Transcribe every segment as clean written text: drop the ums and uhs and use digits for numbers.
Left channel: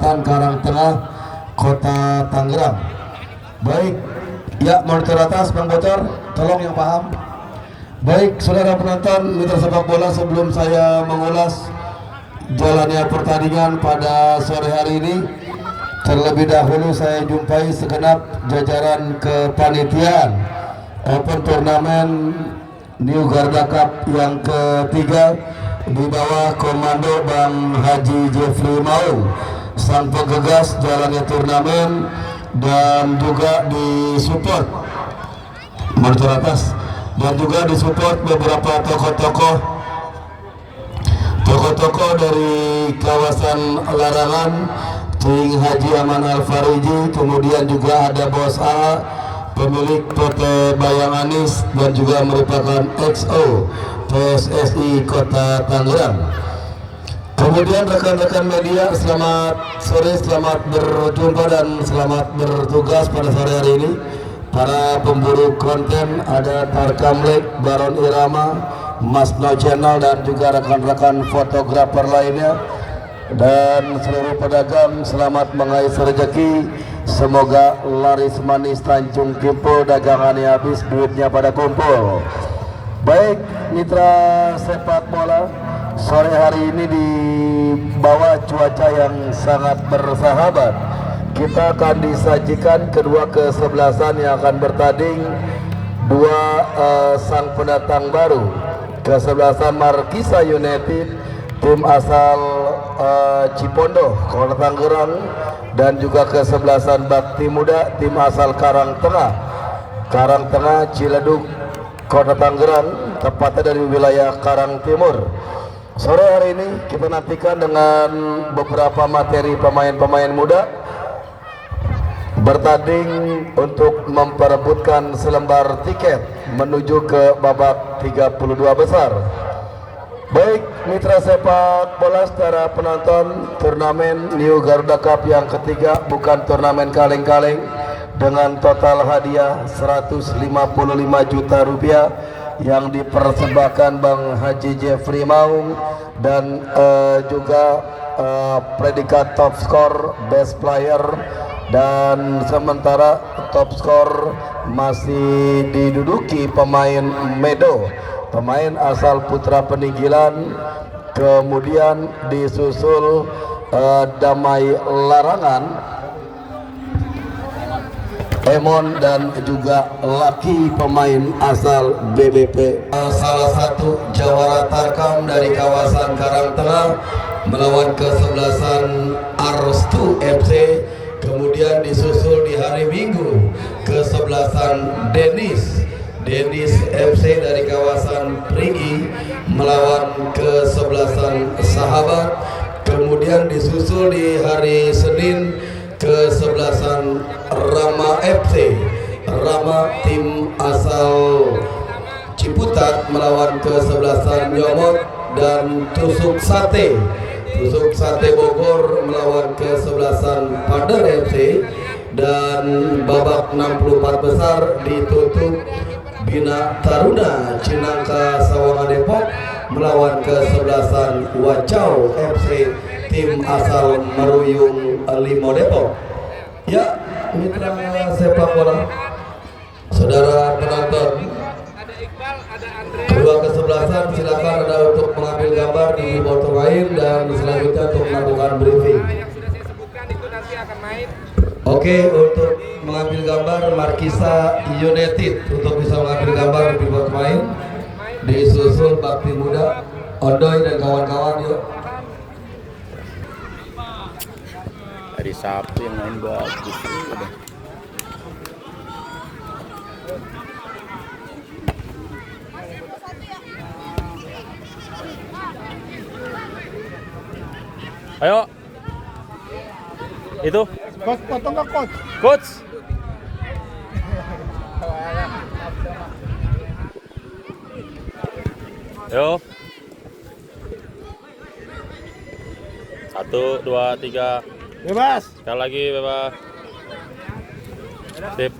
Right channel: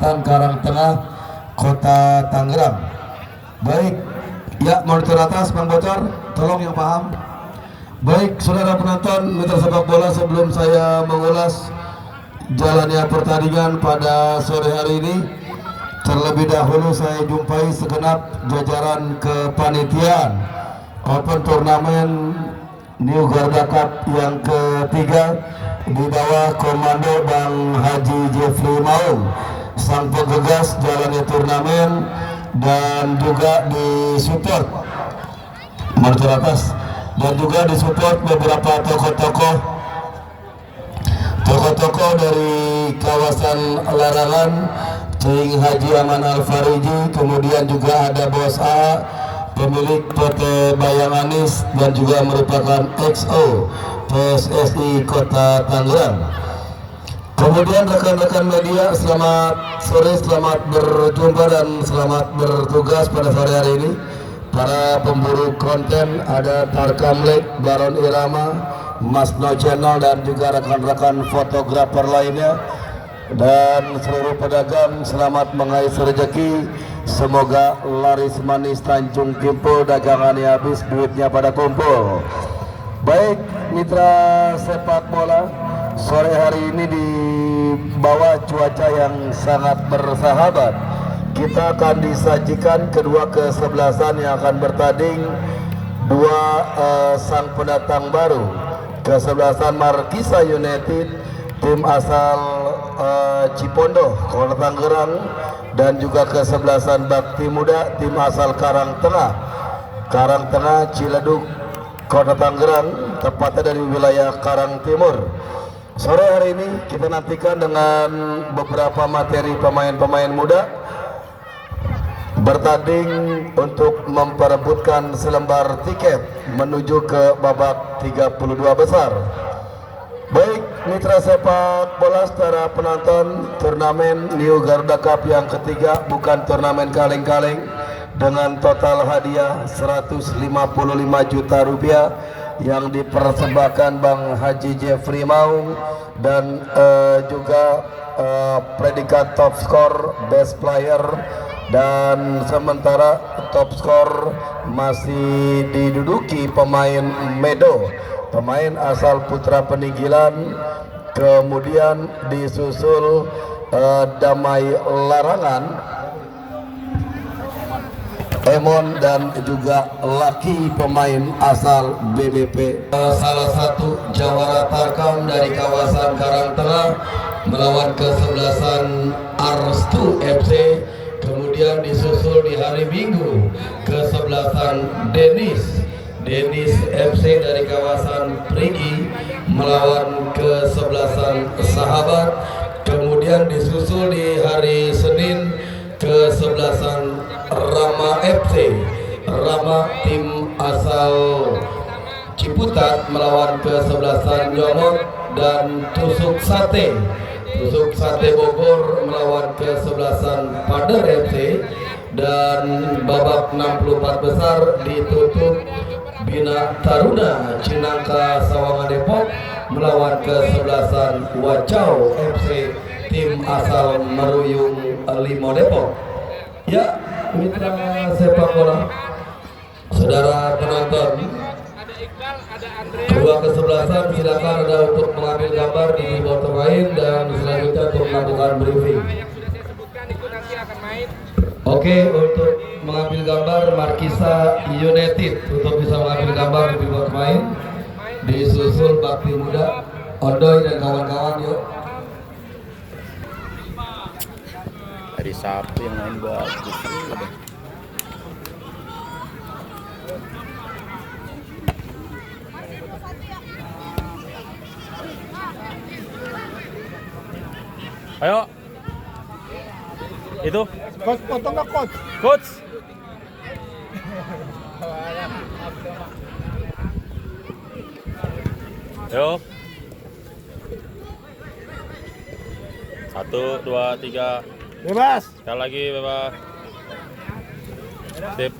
Karangtengah, Kota Tangerang. Baik, ya monitor atas Bang Bocor, tolong yang paham. Baik, saudara penonton mitra sepak bola, sebelum saya mengulas jalannya pertandingan pada sore hari ini, terlebih dahulu saya jumpai segenap jajaran kepanitiaan Open Turnamen New Garda Cup yang ketiga di bawah komando Bang Haji Jeffrey Maung, sang penggegas jalannya turnamen, dan juga disupport monitor atas, dan juga disupport beberapa tokoh-tokoh dari kawasan Larangan, Cing Haji Aman Al-Fariji, kemudian juga ada Bos A, pemilik PT Bayamanis dan juga merupakan XO PSSI Kota Tangerang. Kemudian rekan-rekan media, selamat sore, selamat berjumpa dan selamat bertugas pada sore hari ini. Para pemburu konten, ada Tarkam Lake, Baron Irama, Mas No Channel, dan juga rekan-rekan fotografer lainnya. Dan seluruh pedagang, selamat mengais rezeki. Semoga laris manis Tanjung Kimpul, dagangannya habis, duitnya pada kumpul. Baik, mitra sepak bola, sore hari ini di bawah cuaca yang sangat bersahabat, kita akan disajikan kedua kesebelasan yang akan bertanding. Dua sang pendatang baru, kesebelasan Markisa United, tim asal Cipondo, Kota Tangerang, dan juga kesebelasan Bakti Muda, tim asal Karangtengah Ciledug, Kota Tangerang, tepatnya dari wilayah Karang Timur. Sore hari ini kita nantikan dengan beberapa materi pemain-pemain muda bertanding untuk memperebutkan selembar tiket menuju ke babak 32 besar. Baik, mitra sepak bola, secara penonton, turnamen New Garuda Cup yang ketiga bukan turnamen kaleng-kaleng, dengan total hadiah 155 juta rupiah yang dipersembahkan Bang Haji Jeffrey Maung, dan juga predikat top skor, best player, dan sementara top skor masih diduduki pemain Medo, pemain asal Putra Peninggilan, kemudian disusul Damai Larangan, Emon, dan juga Laki, pemain asal BBP. Salah satu jawara Tarkam dari kawasan Karangtengah melawan kesebelasan Arstu FC, kemudian disusul di hari Minggu kesebelasan Denis FC dari kawasan Perigi melawan kesebelasan Sahabat, kemudian disusul di hari Senin kesebelasan Rama FC, Rama tim asal Ciputat melawan kesebelasan Nyomot, dan Tusuk Sate Bogor melawan kesebelasan Pader FC, dan babak 64 besar ditutup Bina Taruna Cinangka Sawangan Depok melawan kesebelasan Wacau FC, tim asal Meruyung Limo Depok. Ya, mitra sepak bola, saudara penonton, dua kesebelasan silakan ada untuk mengambil gambar di bottom lain, dan selanjutnya untuk melakukan briefing. Yang sudah saya sebutkan itu nanti akan main. Oke, untuk mengambil gambar Markisa United, untuk bisa mengambil gambar di bottom lain, disusul Bakti Muda, Ondoy, dan kawan-kawan. Yuk. Hari Sabtu yang main bagus. Ayo. Itu. Coach, potong ke coach. Coach. Ayo. 1, 2, 3. Bebas. Sekali lagi bebas. Sip.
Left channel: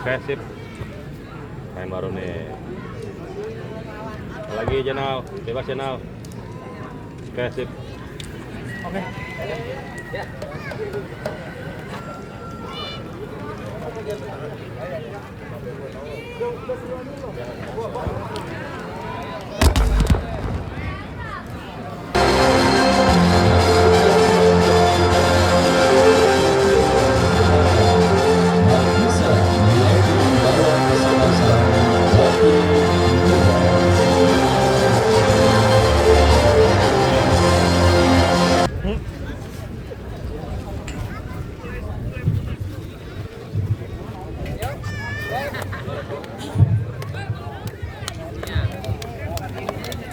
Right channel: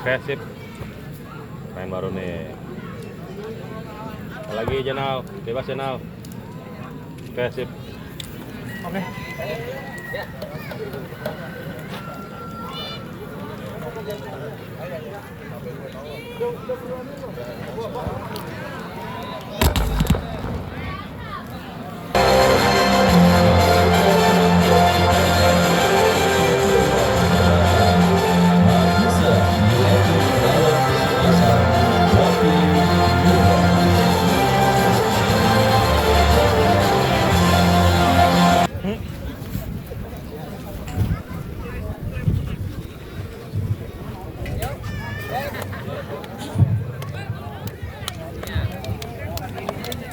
Oke, sip. Main baru nih. Lagi Jenal, bebas Jenal. Oke, sip. Oke.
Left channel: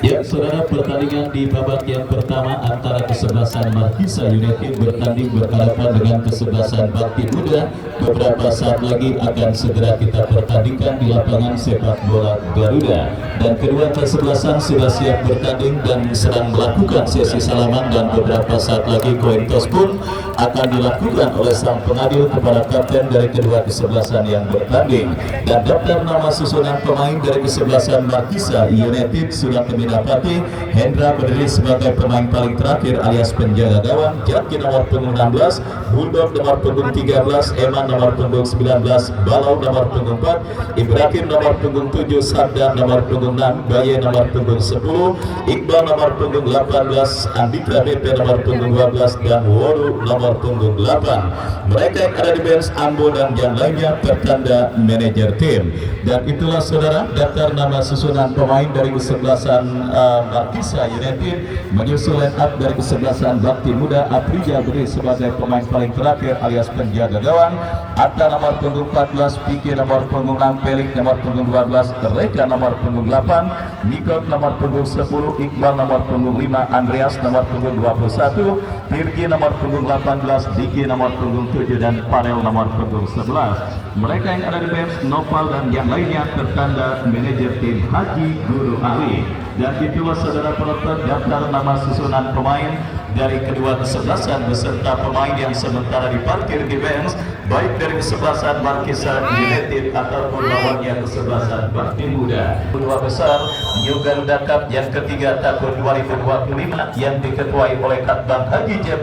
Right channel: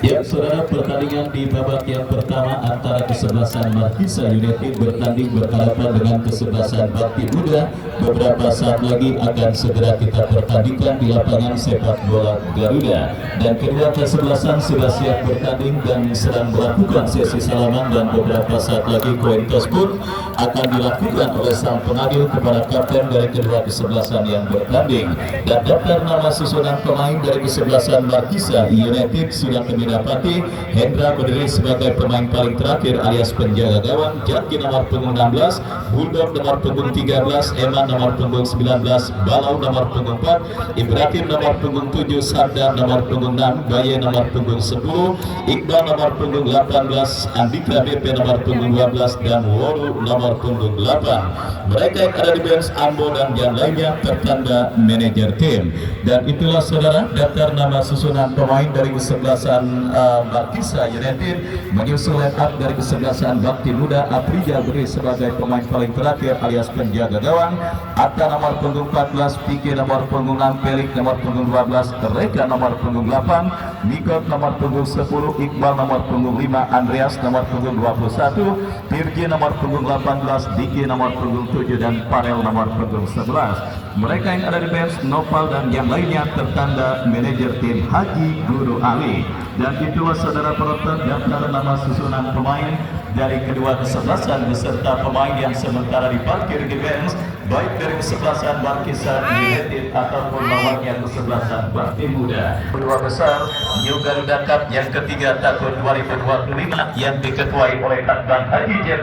Ya, saudara, pertandingan di babak yang pertama antara kesebelasan Markisa United bertanding berhadapan dengan kesebelasan Bakti Muda. Beberapa saat lagi akan segera kita pertandingkan di lapangan sepak bola Garuda. Dan kedua kesebelasan sudah siap bertanding dan sedang melakukan sesi salaman, dan beberapa saat lagi koin tos pun akan dilakukan oleh sang pengadil kepada kapten dari kedua kesebelasan yang bertanding. Dan daftar nama susunan pemain dari kesebelasan Markisa United sudah kami dapati. Hendra berdiri sebagai pemain paling terakhir alias penjaga gawang. Jaki nomor punggung 16, Bulldog nomor punggung 13, Eman nomor punggung 19, Balau nomor punggung 4, Ibrahim nomor punggung 7, Sabda nomor punggung 6, Baye nomor punggung 10, Iqbal nomor punggung 18, Andika BP nomor punggung 12, dan Wodu nomor punggung 8. Mereka yang ada di bench Ambo dan yang lainnya tertanda manajer tim. Dan itulah saudara daftar nama susunan pemain dari kesebelasan Markisa United, menyusul line up dari kesebelasan Bakti Muda. Aprija berdiri sebagai pemain paling terakhir alias penjaga gawang. Atta nomor punggung 14, Piki nomor punggung 6, Pelik nomor punggung 12, Reka nomor punggung 8, Mikot nomor punggung 10, Iqbal nomor punggung 5, Andreas nomor punggung 21, Tirgi nomor punggung 18, Diki nomor punggung 7, dan Parel nomor punggung 11. Mereka yang ada di bench Nopal dan yang lainnya tertanda manajer tim Haji Guru Ali. Dan itulah saudara penonton daftar nama susunan pemain dari kedua kesebelasan beserta pemain yang sementara diparkir di bench, baik dari kesebelasan Markisa United ataupun bagian kesebelasan Bakti Muda. Kedua besar New Garuda Cup yang ketiga tahun 2025 yang diketuai oleh Kapten Haji Jem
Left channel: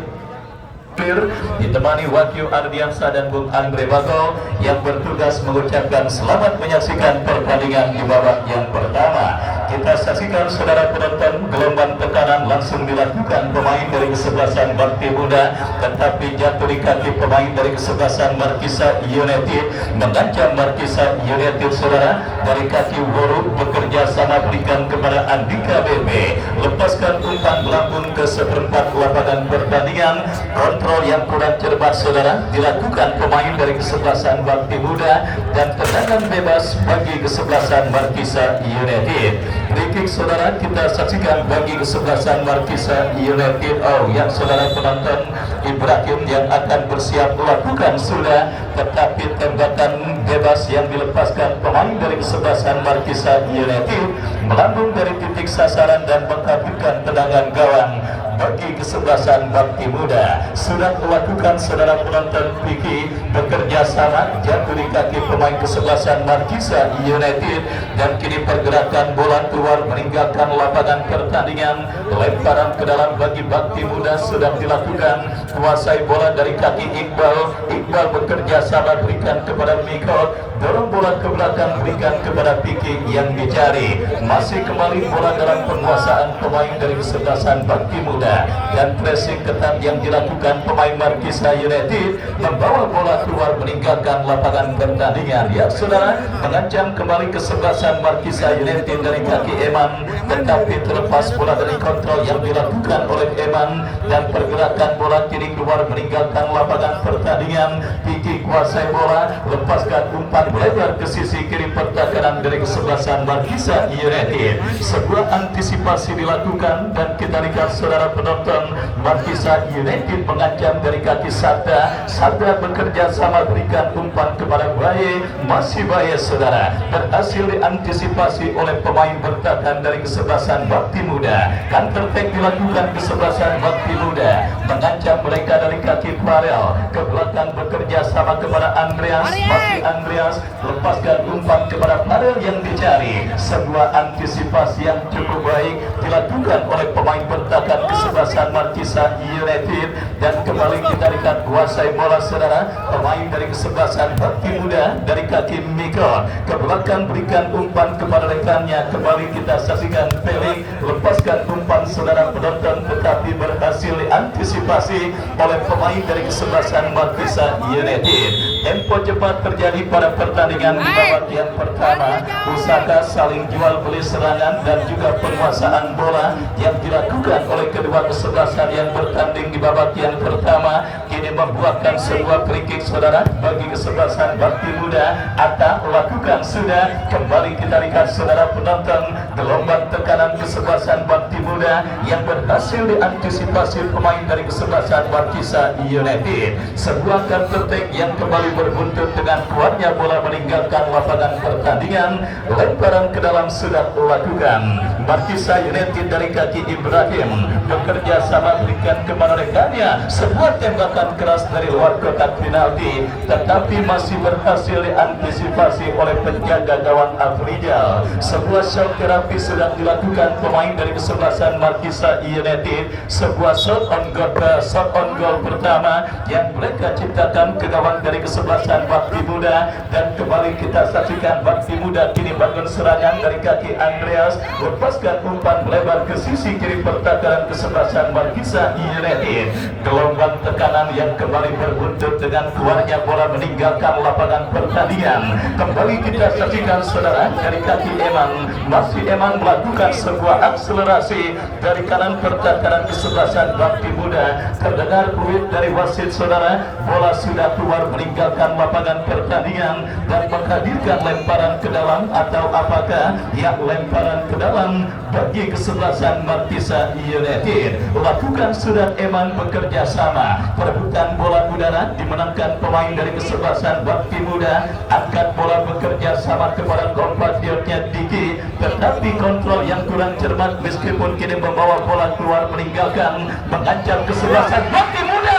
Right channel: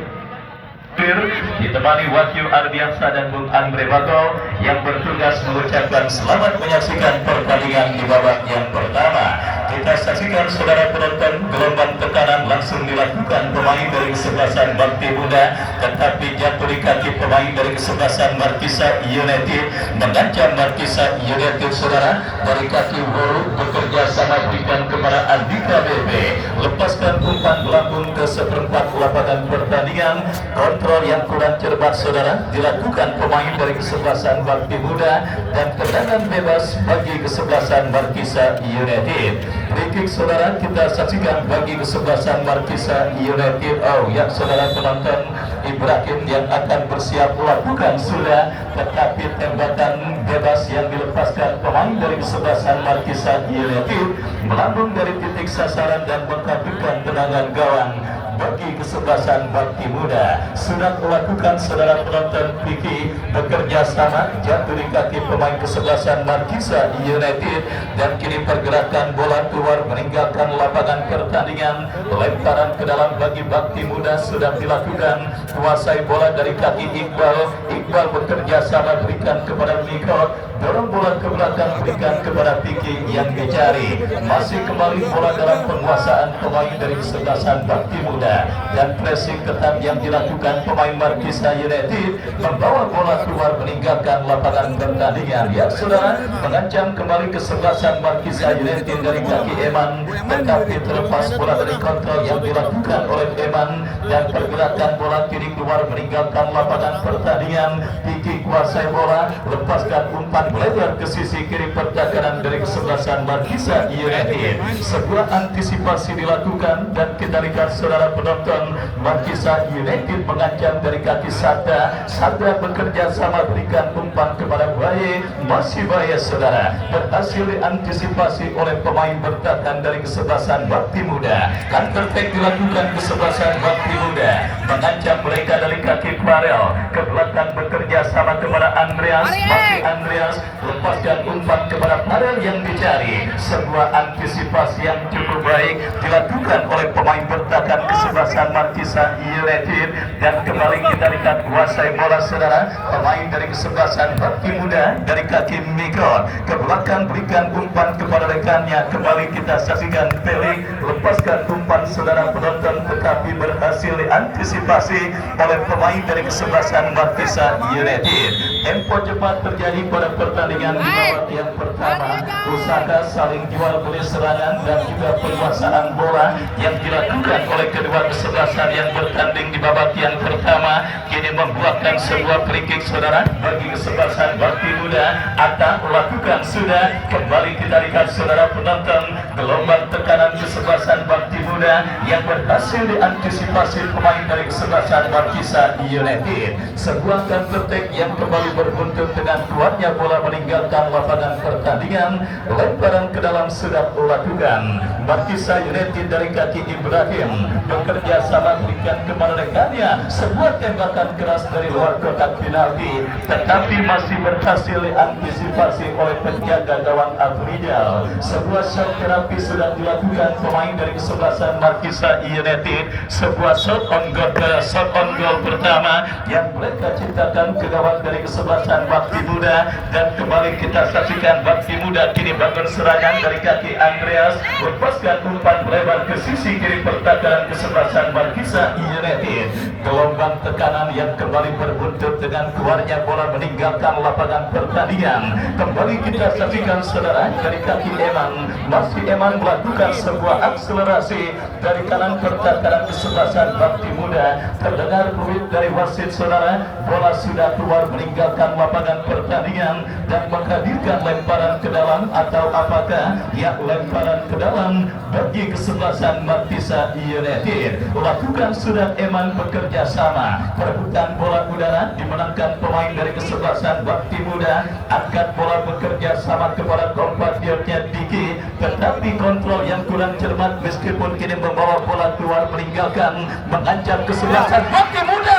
ditemani Wakil Ardiansa dan Bung Andre Bato yang bertugas mengucapkan selamat menyaksikan pertandingan di babak yang pertama. Kita saksikan saudara penonton, gelombang tekanan langsung dilakukan pemain dari kesebelasan Bakti Muda, tetapi jatuh di kaki pemain dari kesebelasan Markisa United, mengancam Markisa United saudara dari kaki Woru, bekerja sama berikan kepada Andika BP, lepaskan umpan melambung ke seperempat lapangan pertandingan. Kontrol yang kurang cermat saudara dilakukan pemain dari kesebelasan Bakti Muda, dan tendangan bebas bagi kesebelasan Markisa United. Kritik saudara kita saksikan bagi kesebelasan Markisa United. Oh ya saudara penonton, Ibrahim yang akan bersiap melakukan sudah, tetapi tembakan bebas yang dilepaskan pemain dari kesebelasan Markisa United melambung dari titik sasaran dan menghabiskan tendangan gawang bagi kesebelasan Bakti Muda. Sudah melakukan saudara penonton, Piki bekerja sama jatuh di kaki pemain kesebelasan Markisa United, dan kini pergerakan bola keluar meninggalkan lapangan pertandingan. Lemparan ke dalam bagi Bakti Muda sudah dilakukan, kuasai bola dari kaki Iqbal. Iqbal bekerja sama berikan kepada Mikot, dorong bola ke belakang berikan kepada Piki yang dicari. Masih kembali bola dalam penguasaan pemain dari kesebelasan Bakti Muda, dan pressing ketat yang dilakukan pemain Markisa United membawa bola keluar meninggalkan lapangan pertandingan. Ya saudara, mengancam kembali kesebelasan Markisa United dari kaki Eman, tetapi terlepas bola dari kontrol yang dilakukan oleh Eman dan pergerakan bola kiri keluar meninggalkan lapangan pertandingan. Kiki kuasai bola, lepaskan umpan lebar ke sisi kiri pertahanan dari kesebelasan Markisa United. Sebuah antisipasi dilakukan dan kita lihat saudara penonton, Markisa United mengancam dari kaki Sada. Sada bekerja sama berikan umpan kepada Baye, masih Baye saudara berhasil diantisipasi oleh pemain bertahan dari kesebelasan Bakti Muda. Counter attack dilakukan kesebelasan Bakti Muda, mengancam mereka dari kaki Klarel ke belakang bekerja sama kepada Andreas. Masih Andreas lepaskan umpan kepada Klarel yang dicari. Sebuah antisipasi yang cukup baik dilakukan oleh pemain bertahan kesebelasan Markisa United dan kembali kita lihat kuasai bola saudara pemain dari kesebelasan Bakti Muda dari kaki Mikon ke belakang berikan umpan kepada rekannya. Kembali kita saksikan Felix lepaskan umpan saudara penonton tetapi berhasil diantisipasi oleh pemain dari kesebelasan Markisa United. Tempo cepat terjadi pada pertandingan di babak yang pertama. Usaha saling jual beli serangan dan juga penguasaan bola yang dilakukan oleh kedua kesebelasan yang bertanding di babak yang pertama kini membuahkan sebuah free kick saudara bagi kesebelasan Bakti Muda. Atta lakukan sudah. Kembali kita lihat saudara penonton gelombang tekanan kesebelasan Bakti Muda yang berhasil diantisipasi pemain dari kesebelasan Markisa United. Sebuah counter attack yang kembali berbuntut dengan keluarnya bola meninggalkan lapangan pertandingan. Lemparan ke dalam sudah dilakukan Markisa United dari kaki Ibrahim bekerja sama berikan kepada rekannya. Sebuah tembakan keras dari luar kotak penalti tetapi masih berhasil diantisipasi oleh penjaga gawang Afrizal. Sebuah shot terapi sedang dilakukan pemain dari kesebelasan Markisa United. Sebuah shot on goal pertama yang mereka ciptakan ke gawang dari kesebelasan Bakti Muda dan kembali kita saksikan Bakti Muda kini bangun serangan dari kaki Andreas lepaskan umpan lebar ke sisi kiri pertahanan kesebelasan Markisa United. Gelombang tekanan yang kembali berbuntut dengan keluarnya bola meninggalkan lapangan pertandingan. Kembali kita saksikan saudara dari kaki Eman. Masih Eman melakukan sebuah akselerasi dari kanan pertahanan kesebelasan Bakti Muda. Terdengar peluit dari wasit saudara. Bola sudah keluar meninggalkan lapangan pertandingan dan menghadirkan lemparan ke dalam atau apakah ya lemparan ke dalam bagi kesebelasan Markisa United. Lakukan sudah Eman bekerja sama. Perebutan bola udara dimenangkan pemain dari kesebelasan Bakti Muda. Angkat bola bekerja sama kepada kompatriotnya Diki tetapi kontrol yang kurang cermat meskipun kini membawa bola keluar meninggalkan mengancam kesebelasan Bakti Muda.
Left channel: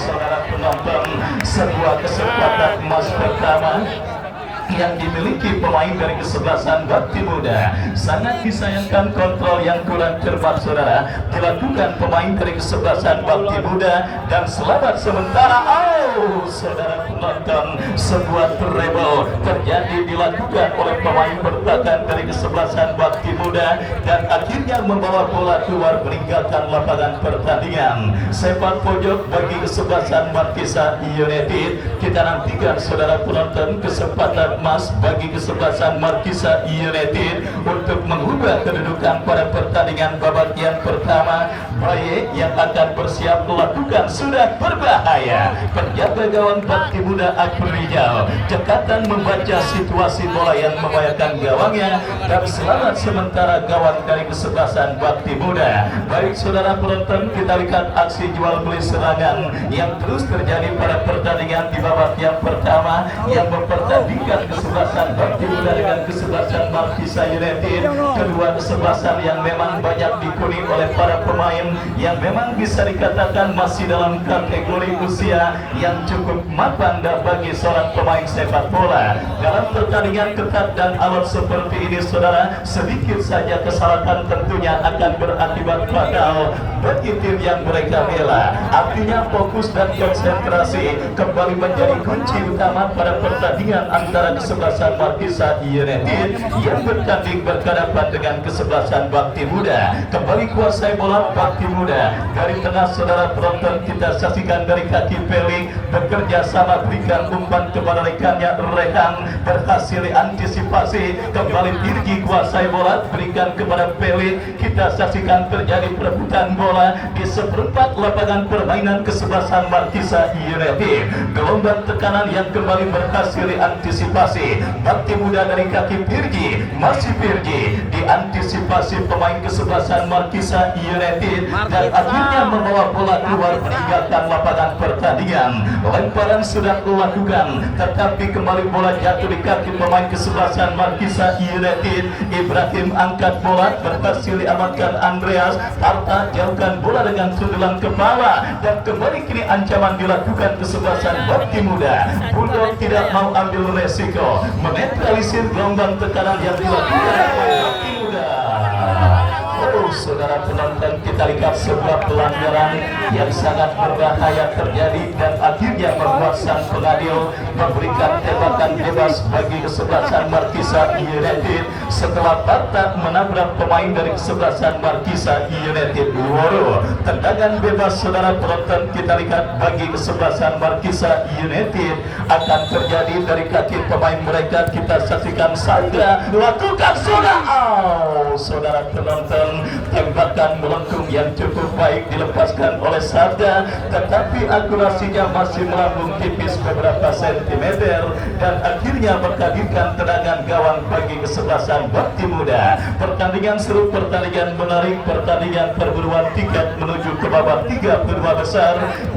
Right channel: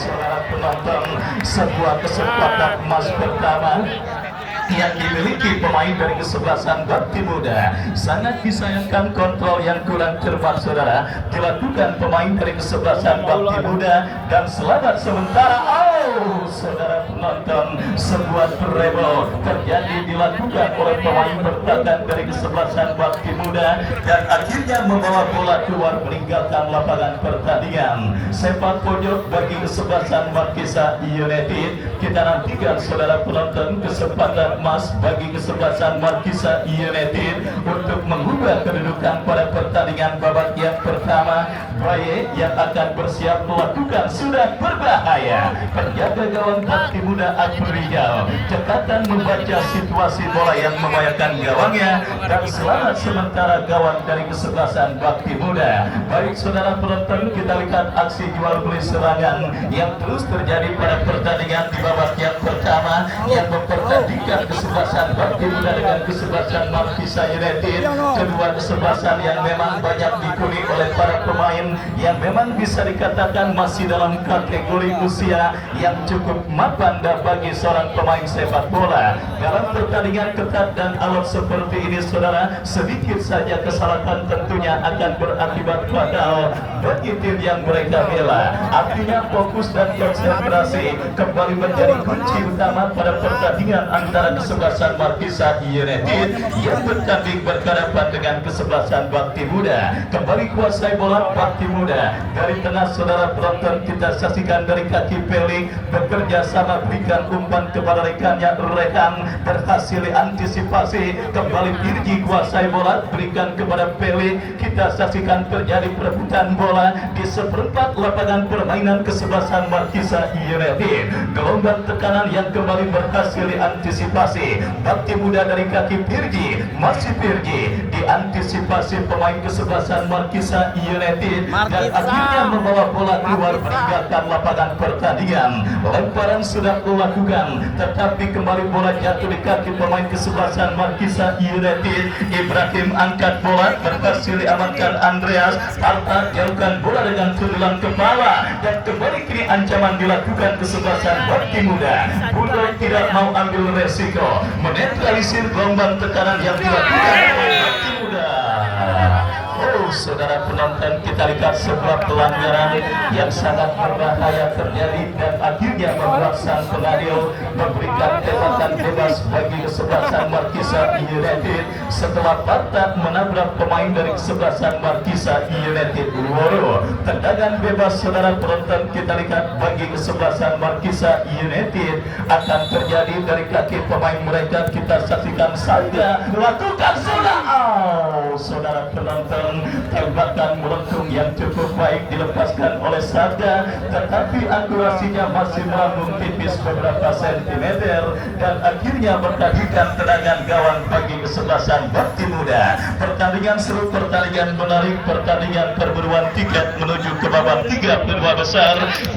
Saudara penonton, sebuah kesempatan emas pertama yang dimiliki pemain dari kesebelasan Bakti Muda. Sangat disayangkan kontrol yang kurang cermat saudara dilakukan pemain dari kesebelasan Bakti Muda dan selamat sementara. Saudara penonton, sebuah treble terjadi dilakukan oleh pemain bertahan dari kesebelasan Bakti Muda dan akhirnya membawa bola keluar meninggalkan lapangan pertandingan. Sepak pojok bagi kesebelasan Markisa United. Kita nantikan saudara penonton kesempatan emas bagi kesebelasan Markisa United untuk mengubah kedudukan pada pertandingan babak yang pertama. Baye yang akan bersiap melakukan sudah berbahaya. Penjaga gawang Bakti Muda Afrizal cekatan membaca situasi bola yang membahayakan gawangnya dan selamat sementara gawang dari kesebelasan Bakti Muda. Baik saudara penonton, kita lihat aksi jual beli serangan yang terus terjadi pada pertandingan di babak yang pertama yang mempertandingkan kesebelasan Bakti Muda dengan kesebelasan Markisa United. Kedua kesebelasan yang memang banyak dikuni oleh para pemain yang memang bisa dikatakan masih dalam kategori usia yang cukup mapan bagi seorang pemain sepak bola. Dalam pertandingan ketat dan alot seperti ini saudara, sedikit saja kesalahan tentunya akan berakibat fatal bagi tim yang mereka bela. Artinya fokus dan konsentrasi kembali menjadi kunci utama pada pertandingan antara kesebelasan Markisa United yang bertanding berhadapan dengan kesebelasan Bakti Muda. Kembali kuasai bola Bakti Bakti Muda. Dari tengah saudara penonton kita saksikan dari kaki Pelik bekerja sama berikan umpan kepada rekannya. Rekan berhasil antisipasi kembali Irgi kuasai bola berikan kepada Pelik. Kita saksikan terjadi perebutan bola di seperempat lapangan permainan kesebelasan Markisa United. Gelombang tekanan yang kembali berhasil diantisipasi Bakti Muda dari kaki Pirji. Masih Pirji diantisipasi pemain kesebelasan Markisa United dan akhirnya membawa bola keluar meninggalkan lapangan pertandingan. Lemparan sudah dilakukan tetapi kembali bola jatuh di kaki pemain kesebelasan Markisa United. Ibrahim angkat bola berhasil diamankan Andreas. Harta jauhkan bola dengan sundulan kepala dan kembali kini ancaman dilakukan kesebelasan Bakti Muda. Bundo tidak mau ambil resiko menetralisir gelombang tekanan yang dilakukan oleh Bakti Muda. Oh, saudara penonton, kita lihat sebuah pelanggaran yang sangat berbahaya terjadi dan akhirnya membuat sang pengadil memberikan tembakan bebas bagi kesebelasan Markisa United setelah Parta menabrak pemain dari kesebelasan Markisa United. Woro, tendangan bebas saudara penonton kita lihat bagi kesebelasan Markisa United akan terjadi dari kaki pemain mereka. Kita saksikan saja lakukan sudah. Oh, saudara penonton, tembakan melengkung yang cukup baik dilepaskan oleh Sabda tetapi akurasinya masih melambung tipis beberapa sentimeter dan akhirnya menghadirkan tendangan gawang bagi kesebelasan Bakti Muda. Pertandingan seru, pertandingan menarik, pertandingan perburuan tiket menuju ke babak 32 besar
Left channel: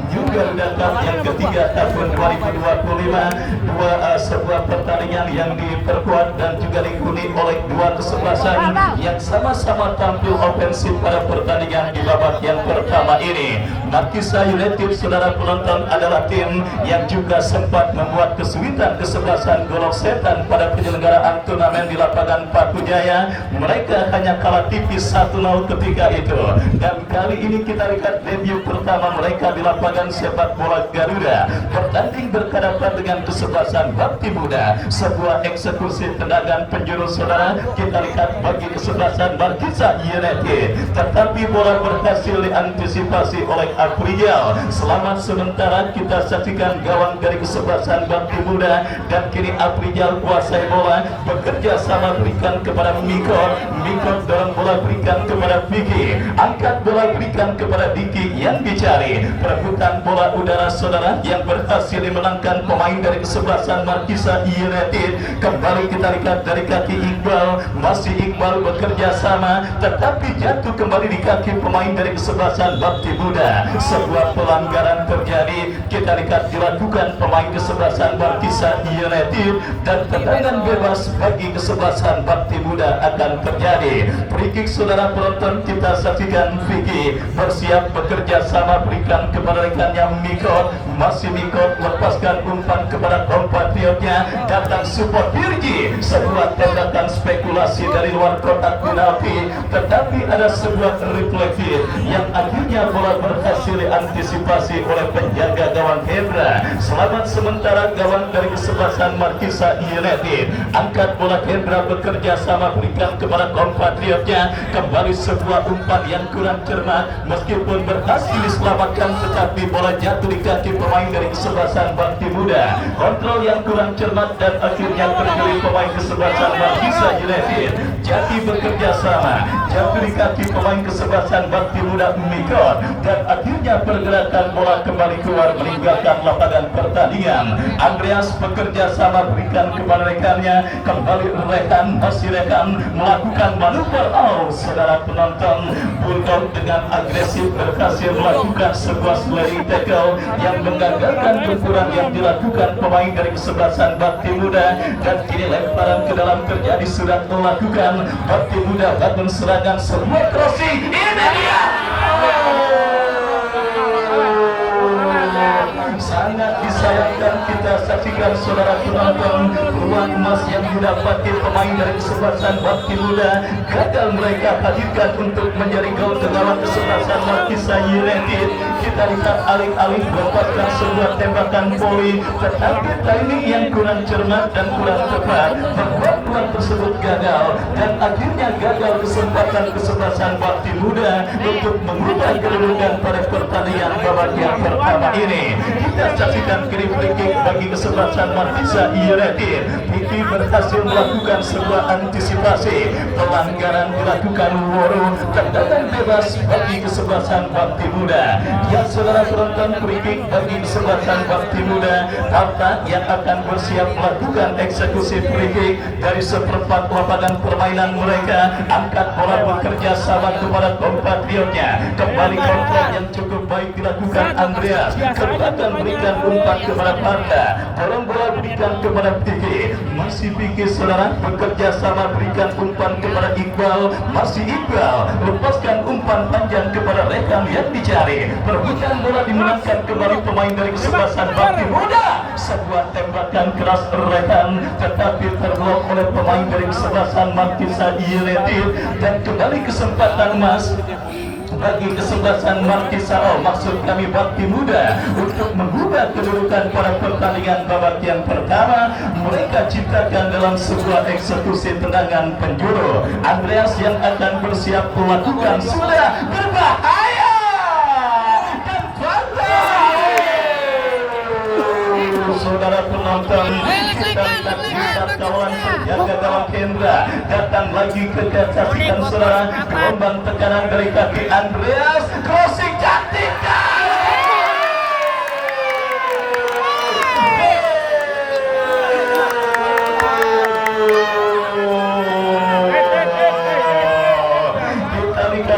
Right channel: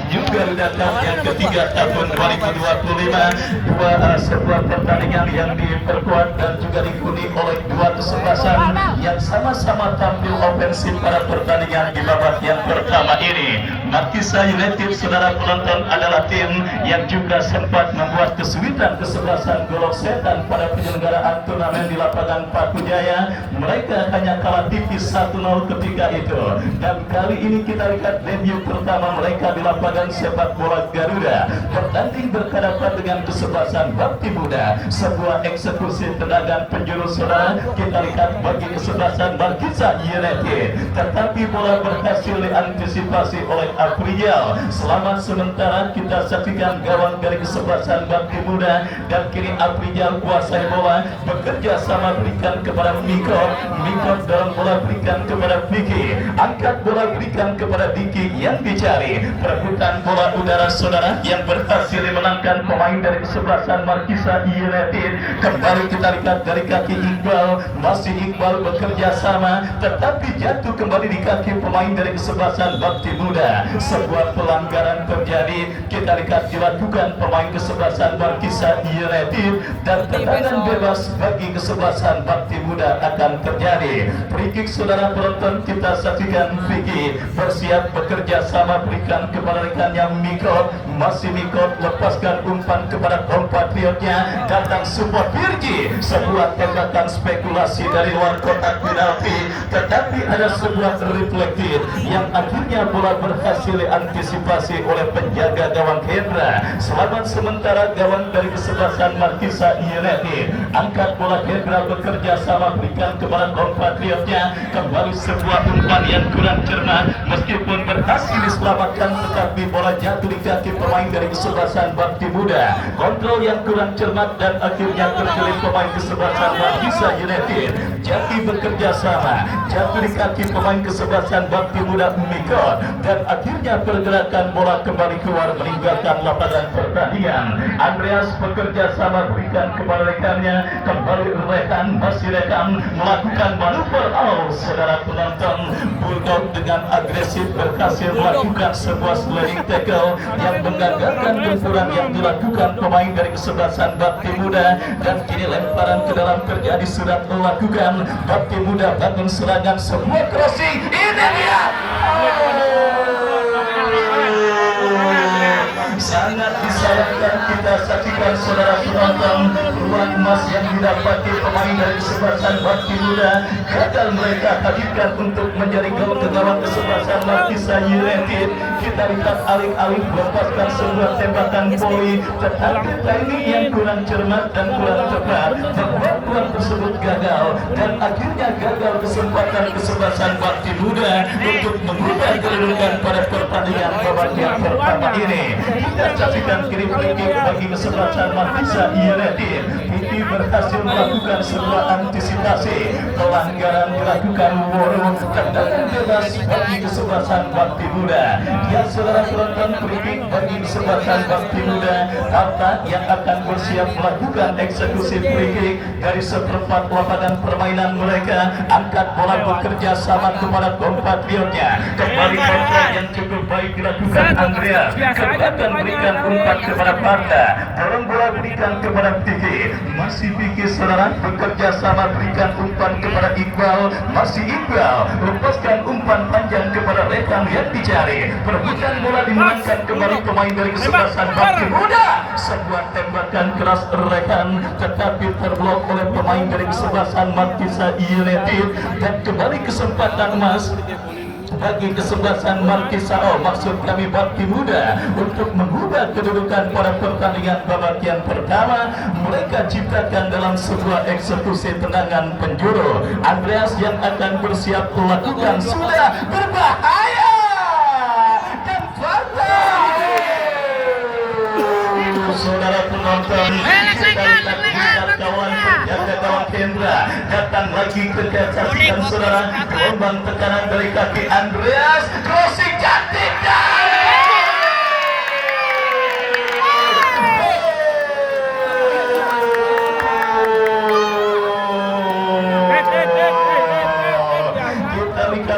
juga datang yang ketiga tahun 2025. Sebuah pertandingan yang diperkuat dan juga diikuti oleh dua kesebelasan yang sama-sama tampil ofensif pada pertandingan di babak yang pertama ini. Markisa United saudara penonton adalah tim yang juga sempat membuat kesulitan kesebelasan Golok Setan pada penyelenggaraan turnamen di lapangan Paku Jaya. Mereka hanya kalah tipis 1-0 ketika itu dan kali ini kita lihat debut pertama mereka di lapangan sepak bola Garuda bertanding berhadapan dengan kesebelasan Bakti Muda. Sebuah eksekusi tendangan penjuru saudara kita lihat bagi kesebelasan Markisa United tetapi bola berhasil diantisipasi oleh Aprijal. Selamat sementara kita saksikan gawang dari kesebelasan Bakti Muda dan kini Aprijal kuasai bola bekerja sama berikan kepada Miko. Miko dalam bola berikan kepada Vicky, angkat bola berikan kepada Diki yang dicari. Perebutan bola udara saudara yang berhasil dimenangkan pemain dari kesebelasan Markisa United. Kembali kita lihat dari kaki Iqbal, masih Iqbal bekerja sama tetapi jatuh kembali di kaki pemain dari kesebelasan Bakti Muda. Sebuah pelanggaran terjadi kita lihat dilakukan pemain kesebelasan Markisa United dan tendangan bebas bagi kesebelasan Bakti Muda akan terjadi. Free kick saudara penonton kita saksikan Vicky bersiap bekerja sama berikan kepada rekannya Miko. Masih Miko lepaskan umpan kepada kompatriotnya, datang support Virgi. Sebuah tembakan spekulasi dari luar kotak penalti tetapi ada sebuah refleksi yang akhirnya bola berhasil diantisipasi oleh penjaga gawang Hendra. Selamat sementara gawang dari kesebelasan Markisa United. Angkat bola Hendra bekerja sama berikan kepada kompatriotnya. Kembali sebuah umpan yang kurang cermat meskipun berhasil diselamatkan tetapi bola jatuh di kaki pemain dari kesebelasan Bakti Muda. Kontrol yang kurang cermat dan akhirnya terjadi pemain kesebelasan Markisa United. Jati bekerja sama jatuh di kaki pemain kesebelasan Bakti Muda Miko dan akhirnya pergerakan bola kembali keluar meninggalkan lapangan pertandingan. Andreas bekerja sama berikan kepada rekannya. Kembali rekan, masih rekan melakukan manuver. Oh, saudara penonton, Bulldog dengan agresif berhasil melakukan sebuah sliding tackle yang menggagalkan gempuran yang dilakukan pemain dari kesebelasan Bakti Muda dan kini lemparan ke dalam terjadi sudah melakukan. Bakti Muda bangun serangan sebuah crossing. Ini dia. Sangat disayangkan kita saksikan saudara penonton ruang emas yang didapati pemain dari kesebelasan Bakti Muda gagal mereka hadirkan untuk menjadi gol ke gawang kesebelasan Markisa United. kita lihat alih-alih melepaskan sebuah tembakan voli, tetapi timing yang kurang cermat dan kurang tepat membuat peluang tersebut gagal, dan akhirnya gagal kesempatan kesebelasan Bakti Muda untuk mengubah kedudukan pada pertandingan babak yang pertama ini. Kita saksikan kiri free kick bagi kesebelasan Markisa United. Vicky berhasil melakukan sebuah antisipasi, pelanggaran dilakukan Woro, tendangan bebas bagi kesebelasan Bakti Muda. Ya saudara penonton, free kick bagi kesebelasan Bakti Muda, Parta yang akan bersiap melakukan eksekusi free kick dari seperempat lapangan permainan mereka. Angkat bola bekerja sama kepada kompatriotnya, kembali kontrol yang cukup baik dilakukan Andreas, kemudian berikan umpan kepada Parta, dorong bola berikan kepada Vicky, masih Vicky saudara bekerja sama berikan umpan kepada Iqbal, masih Iqbal lepaskan umpan panjang kepada rekan yang dicari, perebutan bola dimenangkan kembali pemain dari kesebelasan Bakti Muda. Sebuah tembakan keras rekan tetapi terblok oleh pemain dari kesebelasan Markisa United, dan kembali kesempatan emas bagi kesebelasan Markisa, maksud kami Bakti Muda, untuk mengubah kedudukan pada pertandingan babak yang pertama. Mereka ciptakan dalam sebuah eksekusi tendangan penjuru. Andreas yang akan bersiap melakukan sudah berbahaya dan saudara penonton, kita lihat kawan penjaga gawang Hendra datang lagi ke saksikan saudara, gelombang tekanan dari kaki Andreas, crossing cantik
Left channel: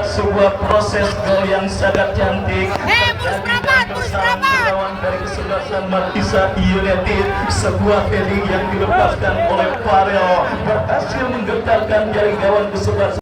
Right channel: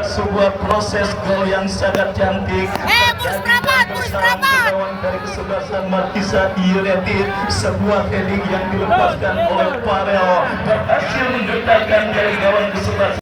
sebuah proses gol yang sangat cantik terjadi dan bersarang ke gawang dari kesebelasan Markisa United. Sebuah heading yang dilepaskan oleh Farel berhasil menggetarkan dari gawang kesebelasan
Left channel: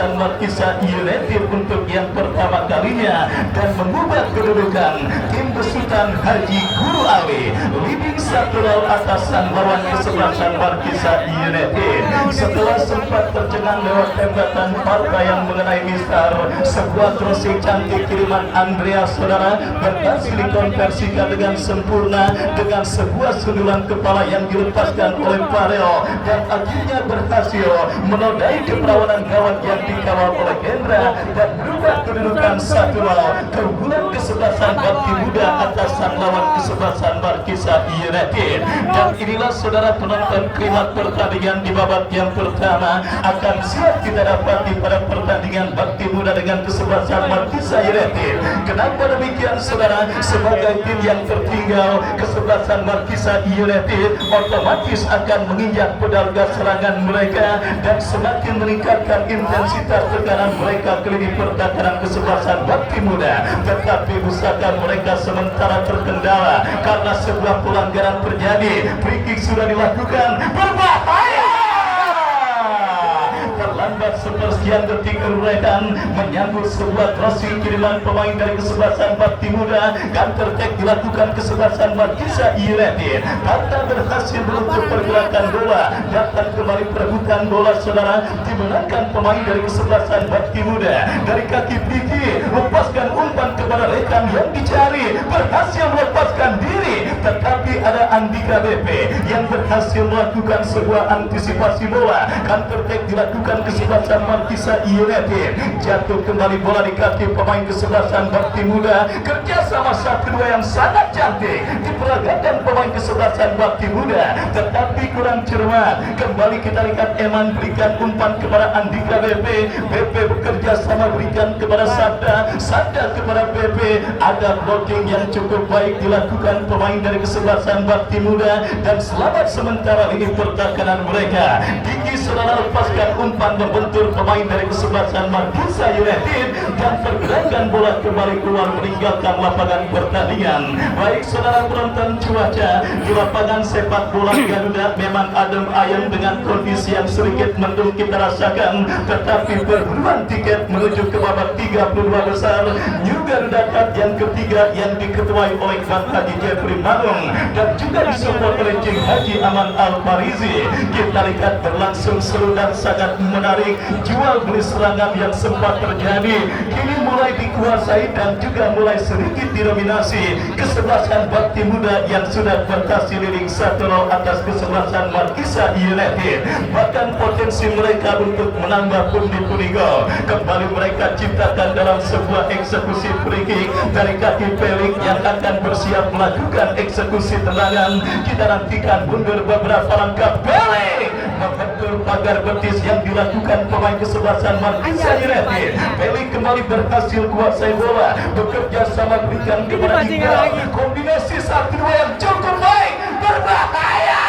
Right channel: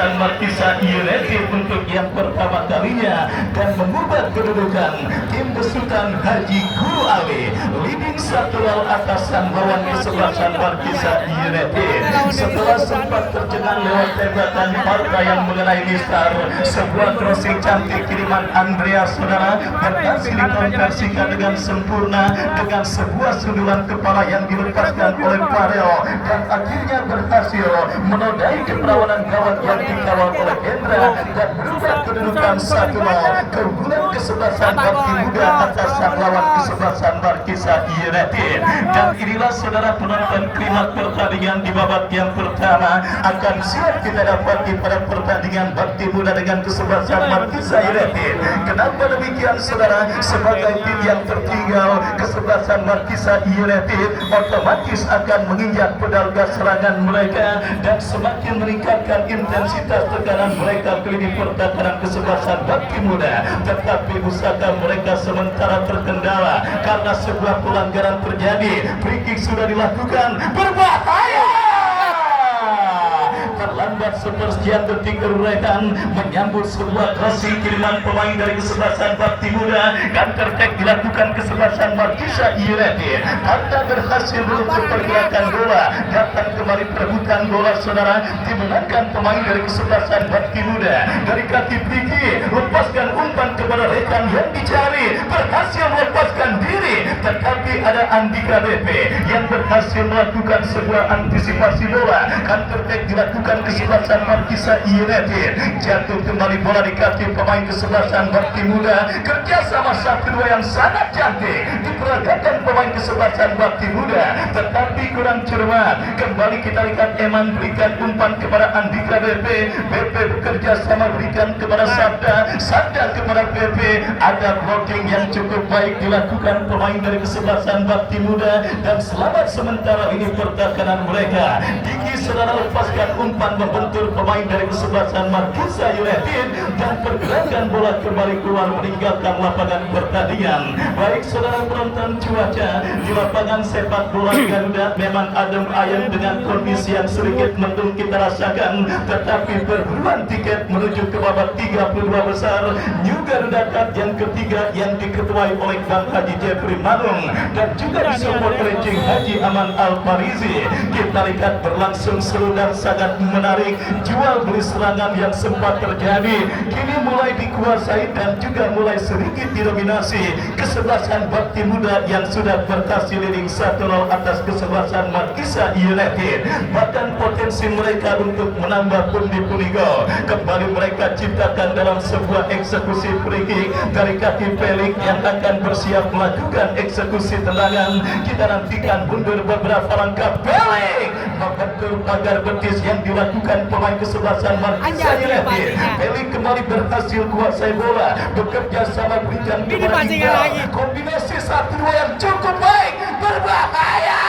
Markisa United untuk yang pertama kalinya, dan mengubah kedudukan tim besutan Haji Guru Ali leading 1-0 atasan lawan kesebelasan Markisa United. Setelah sempat tercengang lewat tembakan Parta yang mengenai Mistar, sebuah crossing cantik kiriman Andreas saudara berhasil dikonversikan dengan sempurna dengan sebuah sundulan kepala yang dilepaskan oleh Farel, dan akhirnya berhasil menodai keperawanan gawang yang dikawal oleh Hendra dan berubah kedudukan 1-0. Keunggulan kesebelasan Bakti Muda atasan lawan kesebelasan Markisa United. Dan inilah saudara penonton klimak pertandingan di babak yang pertama akan siap kita dapati pada pertandingan Bakti Muda dengan kesebelasan Markisa United. Kenapa demikian saudara? Sebagai tim yang tertinggal, kesebelasan Markisa United otomatis akan menginjak pedal gas serangan mereka dan semakin meningkatkan intensitas tekanan mereka ke lini pertahanan kesebelasan Bakti Muda. Tetapi usaha mereka sementara terkendala karena sebuah pelanggaran terjadi. Free kick sudah dilakukan, berbahaya. Terlambat sepersekian detik rekan menyambut sebuah crossing kiriman pemain dari kesebelasan Bakti Muda, counter attack dilakukan kesebelasan Markisa United. Hatta berhasil menutup pergerakan bola, datang kembali perebutan bola saudara, dimenangkan pemain dari kesebelasan Bakti Muda dari kaki Vicky, lepaskan umpan kepada rekan yang dicari, berhasil melepaskan diri, tetapi ada Andika BP yang berhasil melakukan sebuah antisipasi bola. Counter attack dilakukan kesebelasan Markisa United, jatuh kembali bola di kaki pemain kesebelasan Bakti Muda. Kerjasama 1-2 yang sangat cantik diperagakan pemain kesebelasan Bakti Muda, tetapi kurang cermat. Kembali kita lihat Eman berikan umpan kepada Andika BP, BP bekerja sama berikan kepada Sabda, Sabda kepada BP. Ada blocking yang cukup baik dilakukan pemain dari kesebelasan kesebelasan Bakti Muda, dan selamat sementara ini pertahanan mereka. Diki saudara lepaskan umpan membentur pemain dari kesebelasan Markisa United dan pergerakan bola kembali keluar meninggalkan lapangan pertandingan. Baik saudara penonton, cuaca di lapangan sepak bola Garuda memang adem ayem dengan kondisi yang sedikit mendung kita rasakan, tetapi perburuan tiket menuju ke babak 32 besar New Garuda Cup yang ketiga yang diketuai oleh Bang Haji Jeffrey Manung dan juga disupport oleh Cing Haji Aman Al-Farizi. Kita lihat berlangsung seru dan sangat menarik. Jual beli serangan yang sempat terjadi kini mulai dikuasai dan juga mulai sedikit didominasi kesebelasan Bakti Muda yang sudah berhasil leading 1-0 atas kesebelasan Markisa United. Bahkan potensi mereka untuk menambah pundi-pundi gol kembali mereka ciptakan dalam sebuah eksekusi free kick dari kaki Pelik yang akan bersiap melakukan eksekusi tendangan. Kita nantikan mundur beberapa langkah. Pelik membentur pagar betis yang dilakukan pemain kesebelasan Markisa United. Pelik kembali berhasil kuasai bola, bekerja sama berikan kepada Iqbal. Kombinasi 1-2 yang cukup baik, berbahaya.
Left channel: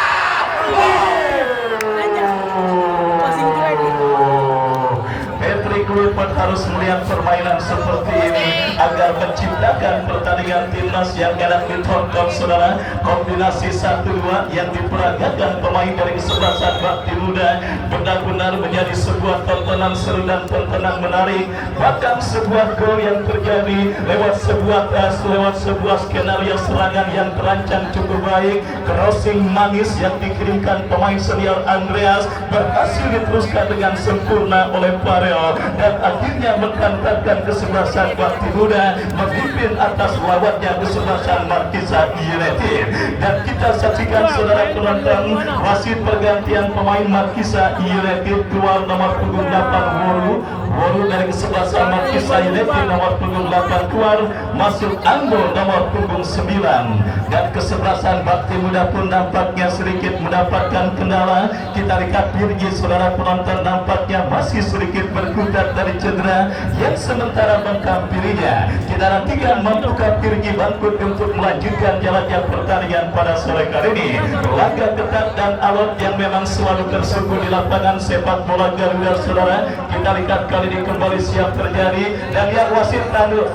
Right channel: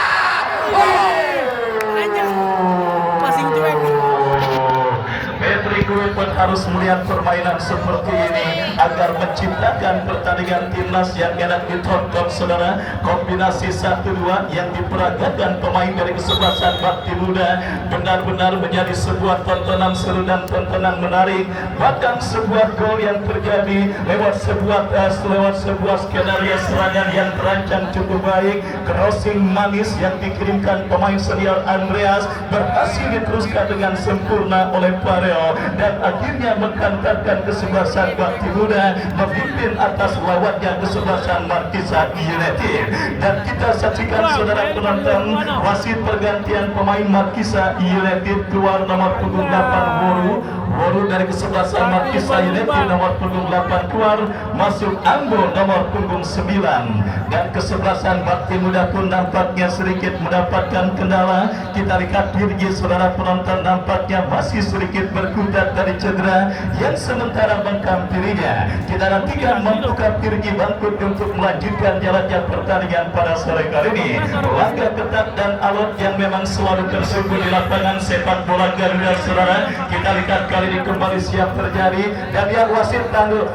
Patrick Kluivert harus melihat permainan seperti ini agar menciptakan pertandingan timnas yang enak ditonton saudara. Kombinasi 1-2 yang diperagakan pemain dari kesebelasan Bakti Muda benar-benar menjadi sebuah tontonan seru dan tontonan menarik. Bahkan sebuah gol yang terjadi lewat sebuah skenario serangan yang terancang cukup baik. Crossing manis yang dikirimkan pemain senior Andreas berhasil diteruskan dengan sempurna oleh Farel dan akhirnya menghantarkan kesebelasan Bakti Muda memimpin atas lawannya kesebelasan Markisa United. Dan kita saksikan saudara penonton wasit pergantian pemain Markisa United. Keluar nomor punggung 8 Woru dari kesebelasan Markisa United, nomor punggung 8 keluar, masuk Anggo nomor punggung 9. Dan kesebelasan Bakti Muda pun nampaknya sedikit mendapatkan kendala. Kita lihat Virgi saudara penonton nampaknya masih sedikit berkutat dari cedera yang sementara menghampirinya. Kita nantikan mampukah Virgi bangkit untuk melanjutkan jalannya pertandingan pada sore kali ini. Langkah ketat dan alot yang memang selalu tersungguh di lapangan sepak bola Garuda saudara. Kita lihat kali ini kembali siap terjadi dan yang wasit tanduk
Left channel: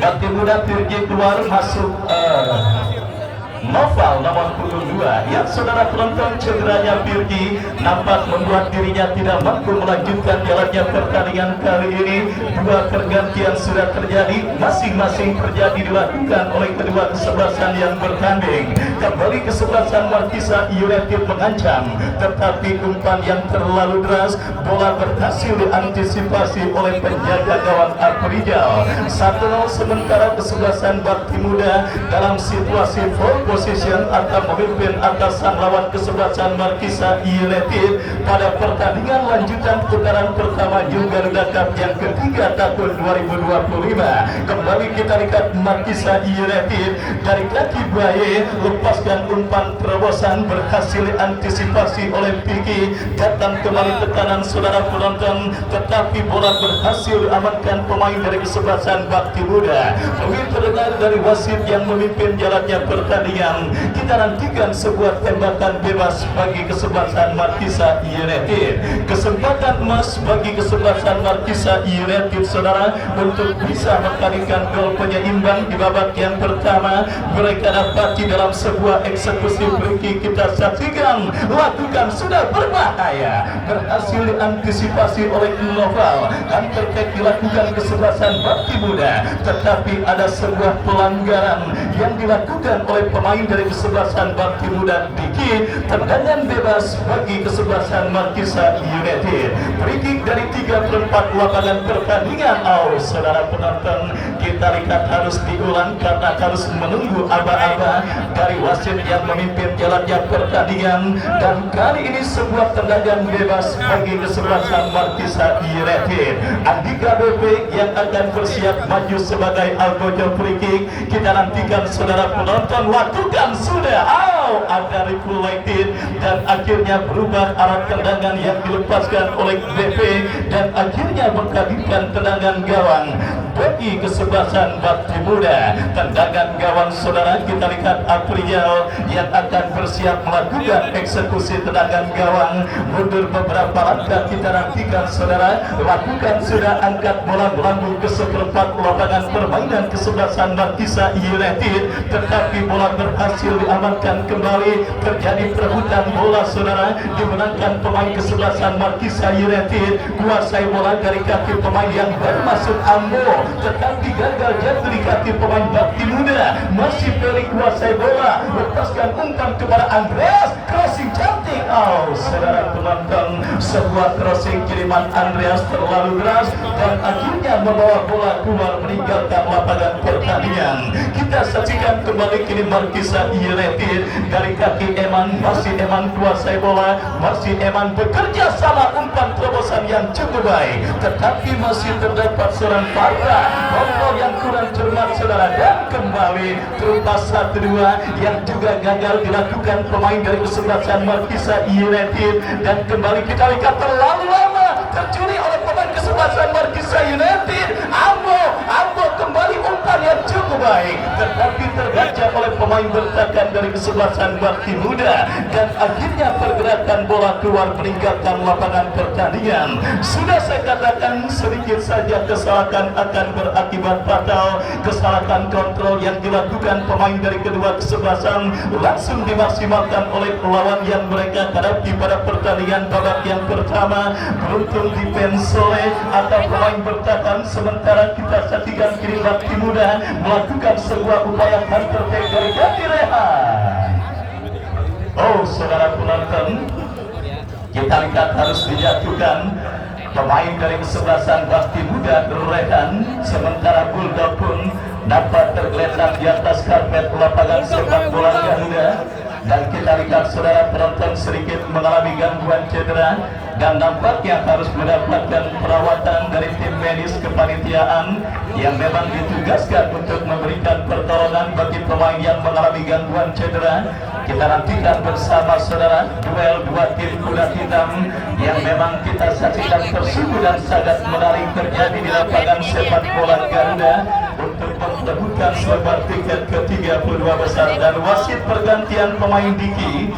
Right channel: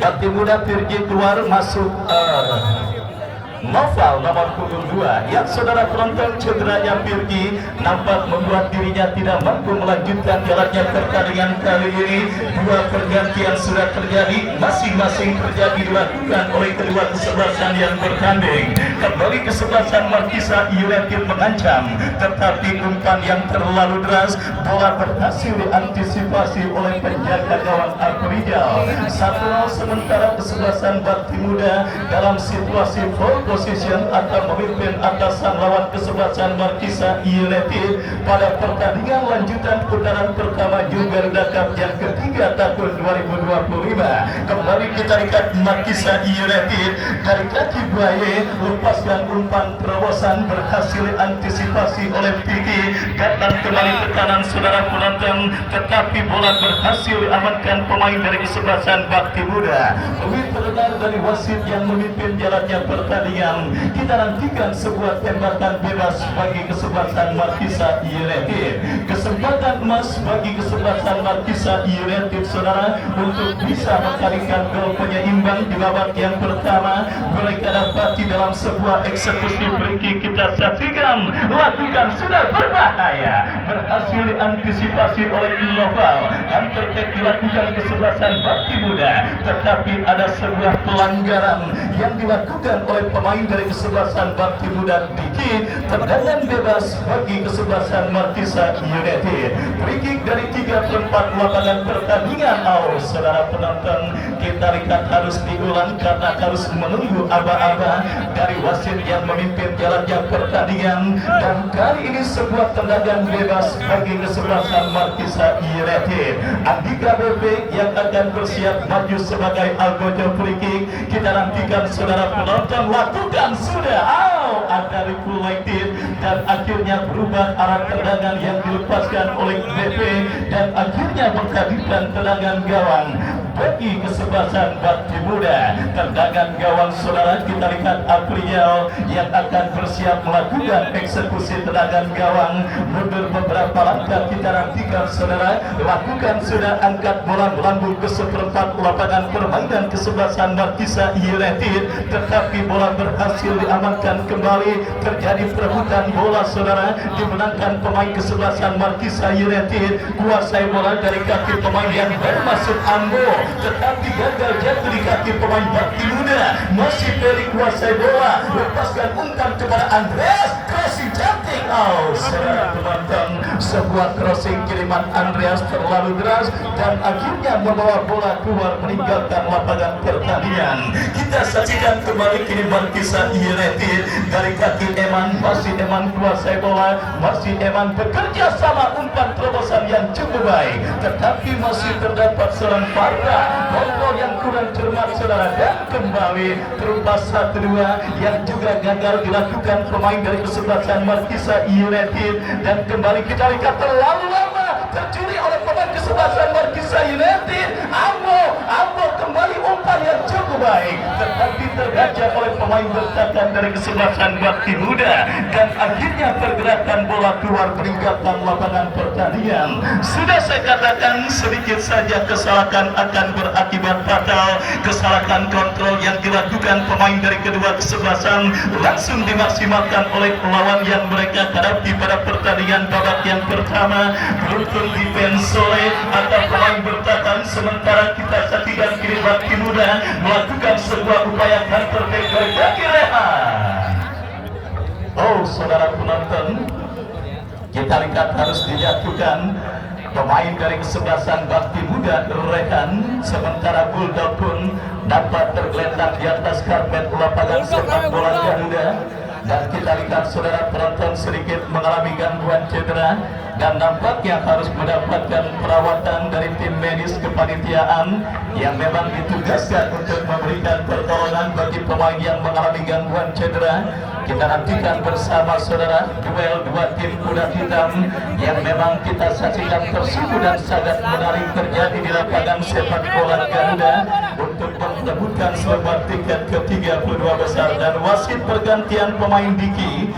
Bakti Muda Virgi keluar, masuk Noval nomor punggung 2 yang saudara penonton cederanya Virgi nampak membuat dirinya tidak mampu melanjutkan jalannya pertandingan kali ini. Dua pergantian sudah terjadi, masing-masing terjadi dilakukan oleh kedua kesebelasan yang bertanding. Kembali kesebelasan Markisa United mengancam, tetapi umpan yang terlalu deras, bola berhasil diantisipasi oleh penjaga gawang Afrizal. 1-0 sementara kesebelasan Bakti Muda dalam situasi full position akan memimpin atasan lawan kesebelasan Markisa United pada pertandingan lanjutan putaran pertama New Garuda Cup yang ketiga tahun 2025. Kembali kita lihat Markisa United dari kaki buaya lepaskan umpan terobosan berhasil antisipasi oleh Vicky. Datang kembali ke kanan saudara penonton, tetapi bola berhasil diamankan pemain dari kesebelasan Bakti Muda. Lebih terdengar dari wasit yang memimpin jalannya pertandingan. Kita nantikan sebuah tembakan bebas bagi kesebelasan Markisa United. Kesempatan emas bagi kesebelasan Markisa United saudara untuk bisa mengkalikan gol penyeimbang di babak yang pertama. Mereka dapati dalam sebuah eksekusi free kick. Kita saksikan lakukan sudah berbahaya, berhasil diantisipasi oleh Noval dan terkait dilakukan kesebelasan Bakti Muda, tetapi ada sebuah pelanggaran yang dilakukan oleh pemain dari kesebelasan Bakti Muda. Diki tendangan bebas bagi kesebelasan Markisa United. Free kick dari 3/4 lapangan pertandingan. Saudara penonton, kita lihat harus diulang karena harus menunggu aba-aba dari wasit yang memimpin jalannya pertandingan. Dan kali ini sebuah tendangan bebas bagi kesebelasan Markisa United. Andika Bebek yang akan bersiap maju sebagai algojo free kick. Kita nantikan saudara penonton, lakukan sudah. saat dari United dan akhirnya berubah arah tendangan yang dilepaskan oleh BP dan akhirnya menghabiskan tendangan gawang bagi kesebelasan Bakti Muda. Tendangan gawang saudara, kita lihat April yang akan bersiap melakukan eksekusi tendangan gawang. Mundur beberapa langkah, kita nantikan saudara, lakukan sudah angkat bola melambung ke seperempat lapangan permainan kesebelasan Markisa United, tetapi bola berhasil diamankan kembali. Terjadi perebutan bola saudara, dimenangkan pemain kesebelasan Markisa United. Kuasai bola dari kaki pemain yang bermasuk Ambo, tetapi gagal jatuh di kaki pemain Bakti Muda. Masih Peri kuasai bola, lepaskan umpan kepada Andreas, crossing cantik. Oh saudara penonton, sebuah crossing kiriman Andreas terlalu deras dan akhirnya membawa bola keluar meninggalkan lapangan pertandingan. Kita saksikan kembali kini Markisa United dari kaki Eman. Masih Eman kuasai bola, masih Eman bekerja sama, umpan terobosan yang cukup baik, tetapi masih terdapat seorang Farga kontrol yang kurang cermat saudara, dan kembali terubah 1-2 yang juga gagal dilakukan pemain dari kesebelasan Markisa United. Dan kembali kita lihat terlalu lama tercuri oleh pemain kesebelasan Markisa United. Ambo kembali umpan yang cukup baik, tetapi terbaca oleh pemain bertahan dari kesebelasan Bakti Muda dan akhirnya pergerakan bola keluar meninggalkan lapangan pertandingan. Sudah saya katakan sedikit saja kesalahan akan berakibat fatal. Kesalahan kontrol yang dilakukan pemain dari kedua kesebelasan langsung dimaksimalkan oleh lawan yang mereka hadapi pada pertandingan babak yang pertama. Beruntung defense oleh atau pemain bertahan, sementara kita saksikan kini Bakti Muda melakukan sebuah upaya yang terbaik dari Bakti Rehan. Oh saudara penonton, kita lihat harus dijatuhkan pemain dari kesebelasan Bakti Muda Rehan, sementara Bulldog pun dapat tergeletak di atas karpet lapangan sepak bola Garuda. Dan kita lihat saudara penonton sedikit mengalami gangguan cedera dan nampaknya harus mendapatkan perawatan dari tim medis kepanitiaan yang memang ditugaskan untuk memberikan pertolongan bagi pemain yang mengalami gangguan cedera. Kita nantikan bersama saudara duel dua tim kuda hitam yang memang kita saksikan tersipu dan sangat menarik terjadi di lapangan sepak bola Garuda untuk memperebutkan sebuah tiket ke-32 besar. Dan wasit pergantian pemain Diki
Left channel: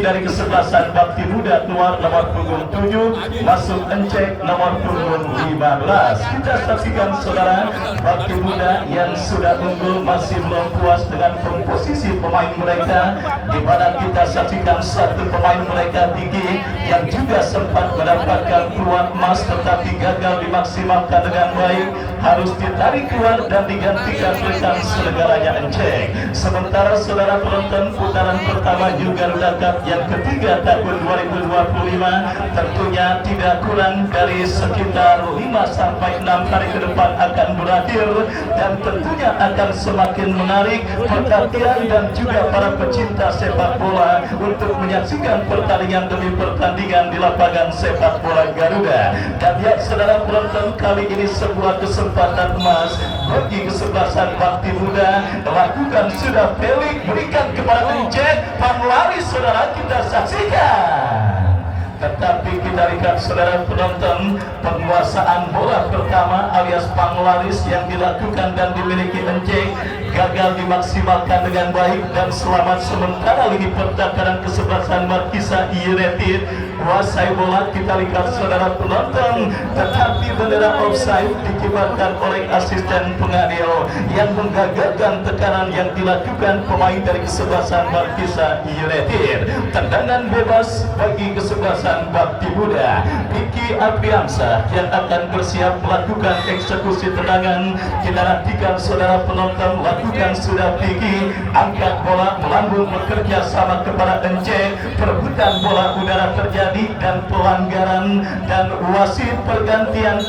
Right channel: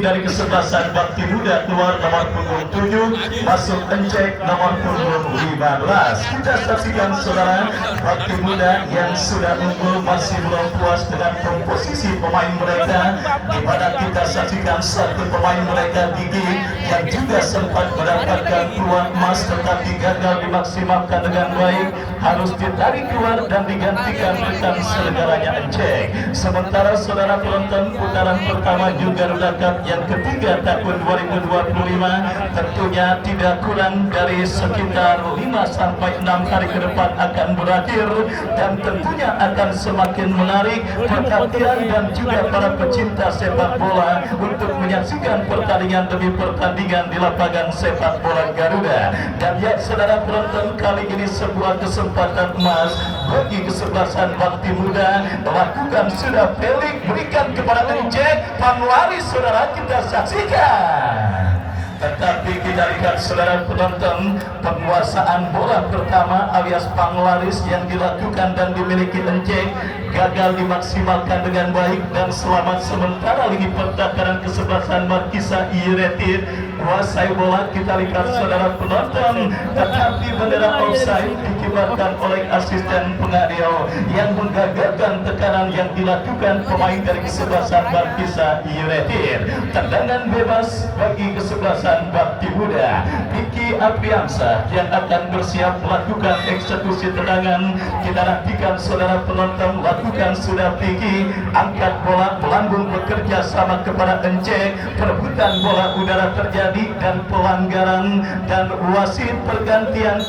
dari kesebelasan Bakti Muda keluar nomor punggung 7, masuk Encek nomor punggung 15. Kita saksikan saudara, Bakti Muda yang sudah unggul masih belum puas dengan komposisi pemain mereka, di mana kita saksikan satu pemain mereka Diki yang juga sempat mendapatkan peluang emas tetapi gagal dimaksimalkan dengan baik, harus ditarik keluar dan digantikan dengan segalanya Encek. Sementara saudara penonton, putaran pertama juga Garuda Cup yang ketiga tahun 2025 tentunya tidak kurang dari sekitar 5-6 hari ke depan akan berakhir dan tentunya akan semakin menarik perhatian dan juga para pecinta sepak bola untuk menyaksikan pertandingan demi pertandingan di lapangan sepak bola Garuda. Dan ya saudara penonton, kali ini sebuah kesempatan emas bagi kesebelasan Bakti Muda. Lakukan sudah Felix, berikan kepada Encek, panglaris saudara kita saksikan. Tetapi kita lihat saudara penonton, penguasaan bola pertama alias panglaris yang dilakukan dan dimiliki Encek gagal dimaksimalkan dengan baik dan selamat. Sementara lini pertahanan kesebelasan Markisa United kuasai bola, kita lihat saudara penonton, tetapi bendera offside dikibarkan oleh asisten pengadil yang menggagalkan tekanan yang dilakukan pemain dari kesebelasan Markisa United. Tendangan bebas bagi kesebelasan Bakti Muda. Diki Apriansa yang akan bersiap melakukan eksekusi tendangan. Kita nantikan saudara penonton, lakukan sudah Diki, angkat bola melambung bekerja sama kepada Encek. Perebutan bola udara terjadi dan pelanggaran dan wasit pergantian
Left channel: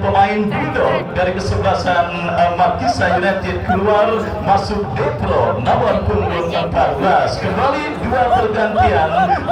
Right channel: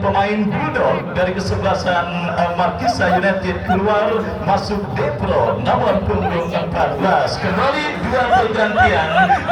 pemain Bulldog dari kesebelasan Markisa United keluar, masuk Depro nomor punggung 14. Kembali dua pergantian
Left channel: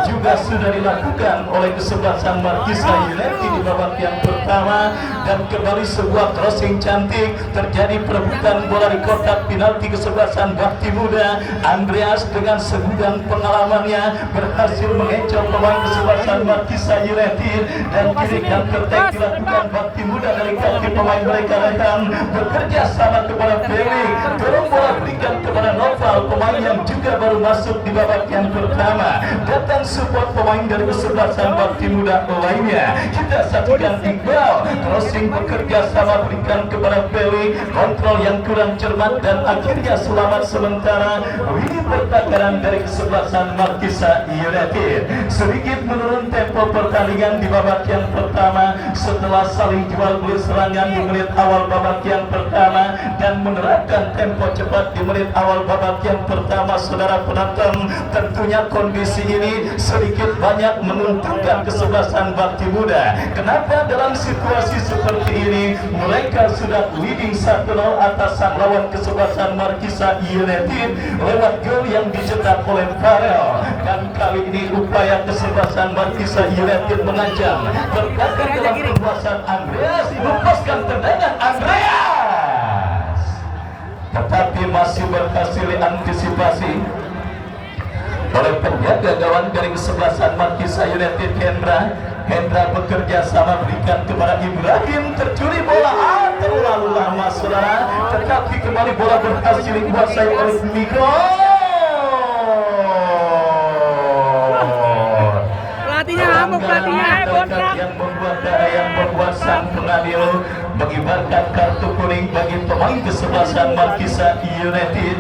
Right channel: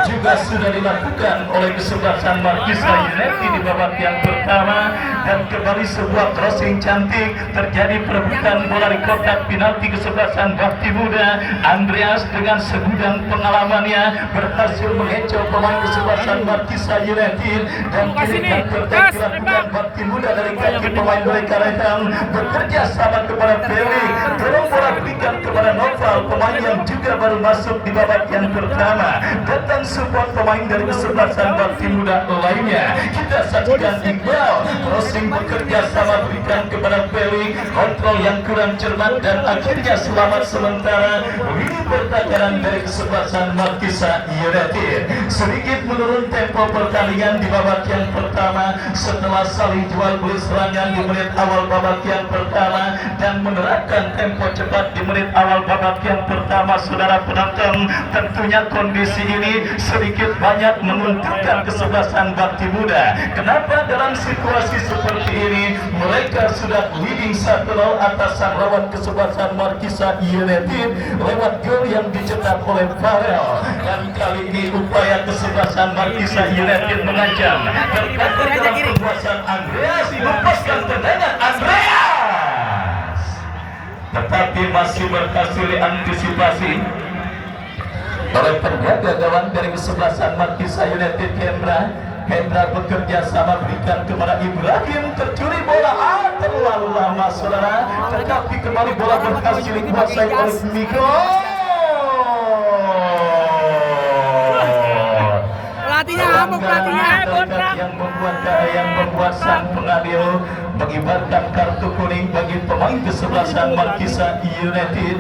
juga sudah dilakukan oleh kesebelasan Markisa United di babak yang pertama dan kembali sebuah crossing cantik, terjadi perebutan bola di kotak penalti kesebelasan Bakti Muda. Muda. Andreas dengan segudang pengalamannya berhasil mengecoh pemain kesebelasan Markisa United, dan kini counter dilakukan Bakti Muda dari kaki pemain mereka. Rehan bekerja sama kepada Feli, dorong bola berikan kepada Noval, pemain yang juga baru masuk di babak yang pertama. Datang support pemain dari kesebelasan Bakti Muda lainnya. Kita saksikan Iqbal crossing bekerja sama berikan kepada Feli, kontrol yang kurang cermat dan akhirnya selamat sementara. Ini pertandingan dari kesebelasan Markisa United sedikit menurun tempo pertandingan di babak yang pertama setelah saling jual beli serangan di menit awal babak yang pertama dan menerapkan tempo cepat di menit awal babak yang pertama. Saudara penonton, tentunya kondisi ini sedikit banyak menguntungkan kesebelasan Bakti Muda. Kenapa dalam situasi seperti ini mereka sudah leading 1-0 atas sang lawan kesebelasan Markisa United lewat gol yang dicetak oleh Farel. Dan kali ini upaya kesebelasan Markisa United mengancam terkadang dalam penguasaan Andreas, lepaskan tendangan Andreas, tetapi masih berhasil diantisipasi oleh penjaga gawang dari kesebelasan Markisa United. Hendra bekerja sama berikan kepada Ibrahim, tercuri bola terlalu lama saudara, tetapi kembali bola berhasil dikuasai oleh Miko. Yang membuat sang pengadil mengibarkan kartu kuning bagi pemain kesebelasan Markisa United,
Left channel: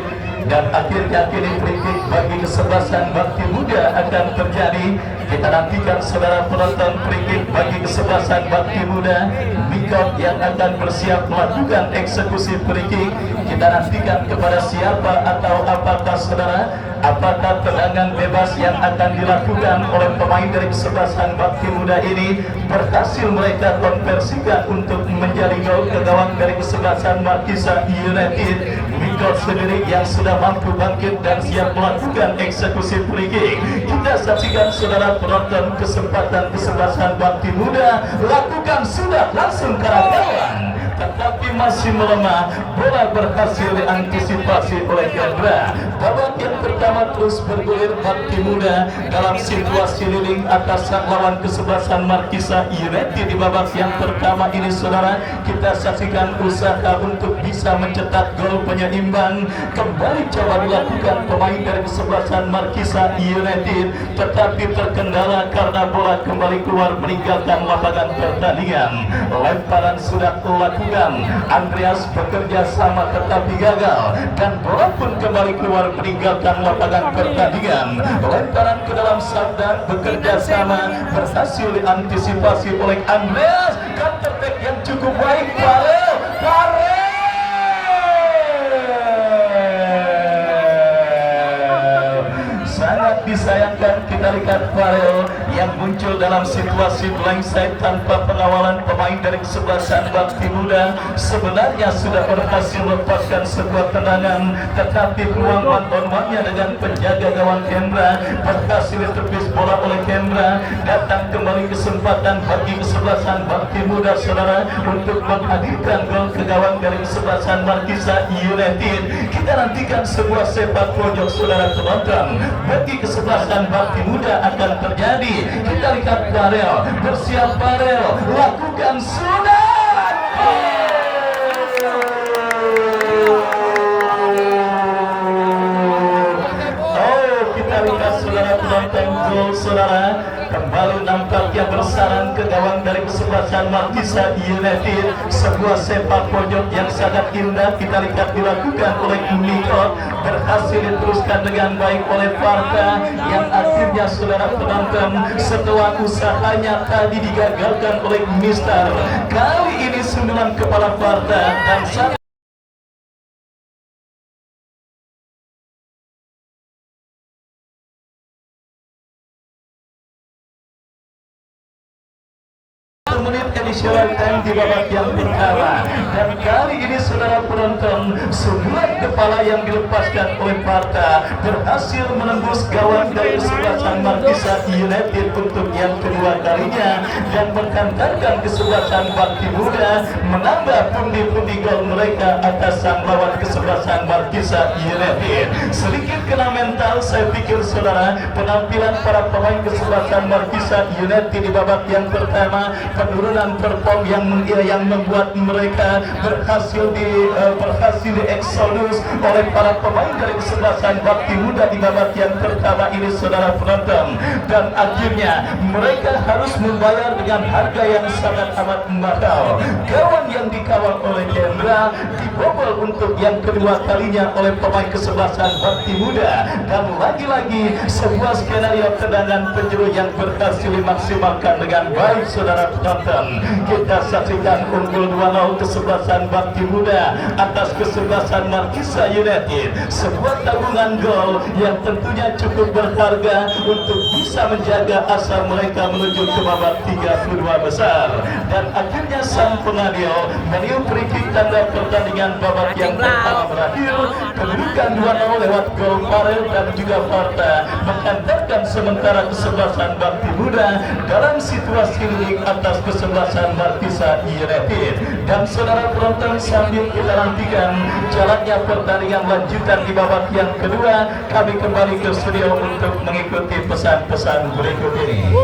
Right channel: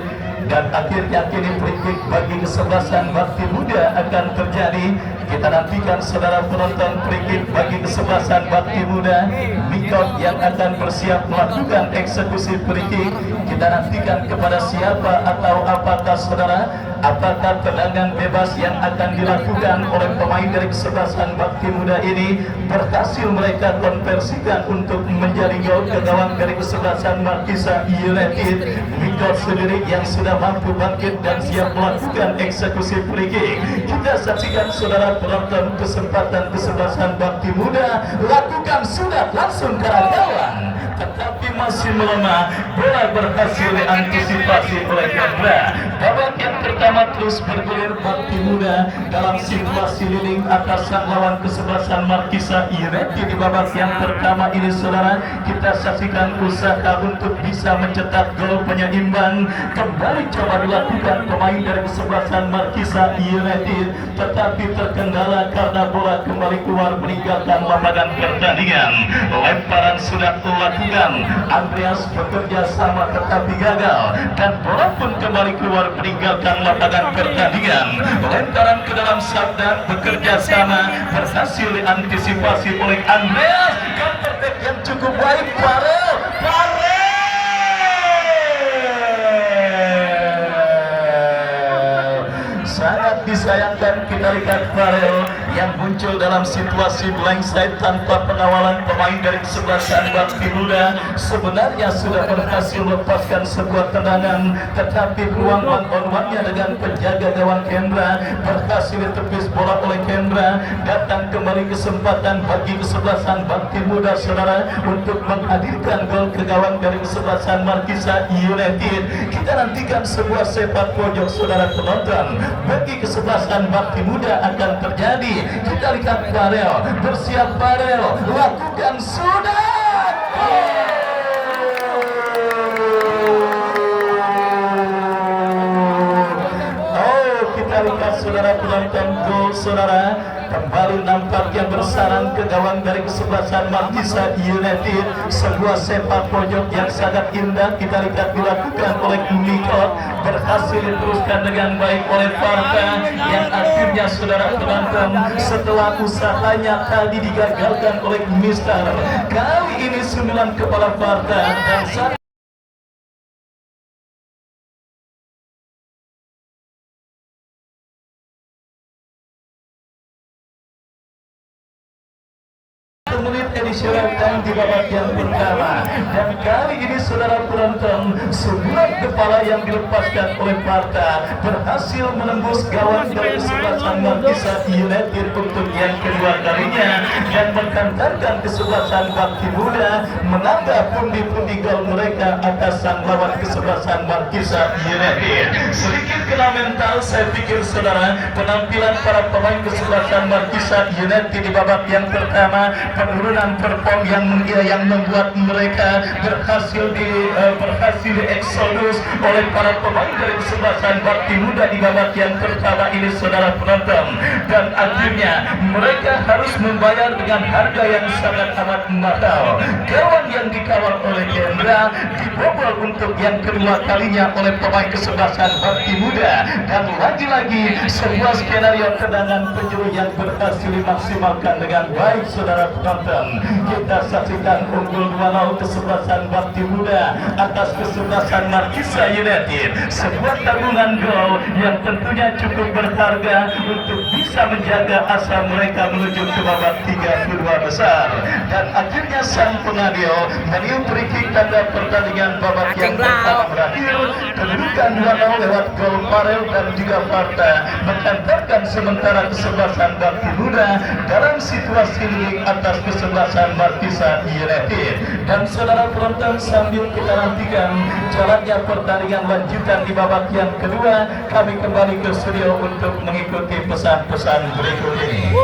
dan akhirnya kini free kick bagi kesebelasan Bakti Muda akan terjadi. Kita nantikan saudara penonton free kick bagi kesebelasan Bakti Muda. Mikot yang akan bersiap melakukan eksekusi free kick. Kita nantikan kepada siapa atau apakah saudara, apakah tendangan bebas yang akan dilakukan oleh pemain dari kesebelasan Bakti Muda ini berhasil mereka konversikan untuk menjadi gol ke gawang dari kesebelasan Markisa United. Mikot sendiri yang sudah mampu bangkit dan siap melakukan eksekusi free kick. Kita saksikan saudara penonton kesempatan kesebelasan Bakti Muda lakukan sudah langsung ke arah gawang, tetapi masih melemah. Bola berhasil diantisipasi oleh Hendra. Babak yang pertama terus bergulir Bakti Muda dalam situasi leading atas sang lawan kesebelasan Markisa United di babak yang pertama ini saudara. Kita saksikan usaha untuk bisa mencetak gol penyeimbang kembali coba dilakukan pemain dari kesebelasan Markisa United, tetapi terkendala karena bola kembali keluar meninggalkan lapangan pertandingan. Lemparan sudah dilakukan, Andreas bekerja sama tetapi gagal, dan bola pun kembali keluar meninggalkan lapangan pertandingan. Lemparan ke dalam sabda bekerja sama berhasil diantisipasi oleh Andreas. Counter attack yang cukup baik Farel. Sangat disayangkan kita lihat Farel yang muncul dalam situasi blank side tanpa pengawalan pemain dari kesebelasan Bakti Muda. Sebenarnya sudah berhasil melepaskan sebuah tendangan, tetapi peluang one on one-nya dengan penjaga gawang Hendra berhasil ditepis bola oleh Hendra. Datang kembali kesempatan bagi kesebelasan Bakti Muda saudara untuk menghadirkan gol ke gawang dari kesebelasan Markisa United. Kita nantikan sebuah sepak pojok saudara penonton bagi kesebelasan Bakti Muda akan terjadi. Kita lihat Farel, bersiap Farel, lakukan sudah. Oh, kita lihat saudara penonton gol saudara. Kembali nampaknya bersarang ke gawang dari kesebelasan Markisa United. Sebuah sepak pojok yang sangat indah kita lihat dilakukan oleh Mikot, berhasil diteruskan dengan baik oleh Farta, yang akhirnya saudara penonton setelah usahanya tadi digagalkan oleh Mister, kali ini sundulan kepala Farta dan menit dicoretkan di babak yang pertama. Dan kali ini saudara penonton, sebuah kepala yang dilepaskan oleh Parta berhasil menembus gawang dari kesebelasan Markisa United untuk yang kedua kalinya dan menghantarkan kesebelasan Bakti Muda menambah pundi-pundi gol mereka atas sang lawan kesebelasan Markisa United. Sedikit kena mental saya pikir saudara, penampilan para pemain kesebelasan Markisa United di babak yang pertama, penurunan perform yang membuat mereka berhasil di eksodus oleh para pemain dari kesebelasan Bakti Muda di babak yang pertama ini saudara penonton, dan akhirnya mereka harus membayar dengan harga yang sangat amat mahal. Gawang yang dikawal oleh Hendra dibobol untuk yang kedua kalinya oleh pemain kesebelasan Bakti Muda, dan lagi-lagi sebuah skenario tendangan penjuru yang berhasil dimaksimalkan dengan baik saudara penonton. Kita saksikan unggul 2-0 kesebelasan Bakti Muda atas kesebelasan Markisa United, sebuah tabungan gol yang tentunya cukup berharga untuk bisa menjaga asa mereka menuju ke babak 32 besar. Dan akhirnya sang pengadil meniup free tanda pertandingan babak yang pertama berakhir. Kedudukan 2-0 lewat gol Farel dan juga Parta menghantarkan sementara kesebelasan Bakti Muda dalam situasi leading atas kesebelasan Markisa United. Dan saudara penonton, sambil kita nantikan jalannya pertandingan lanjutan di babak yang kedua, kami kembali ke studio untuk mengikuti pesan-pesan berikut ini.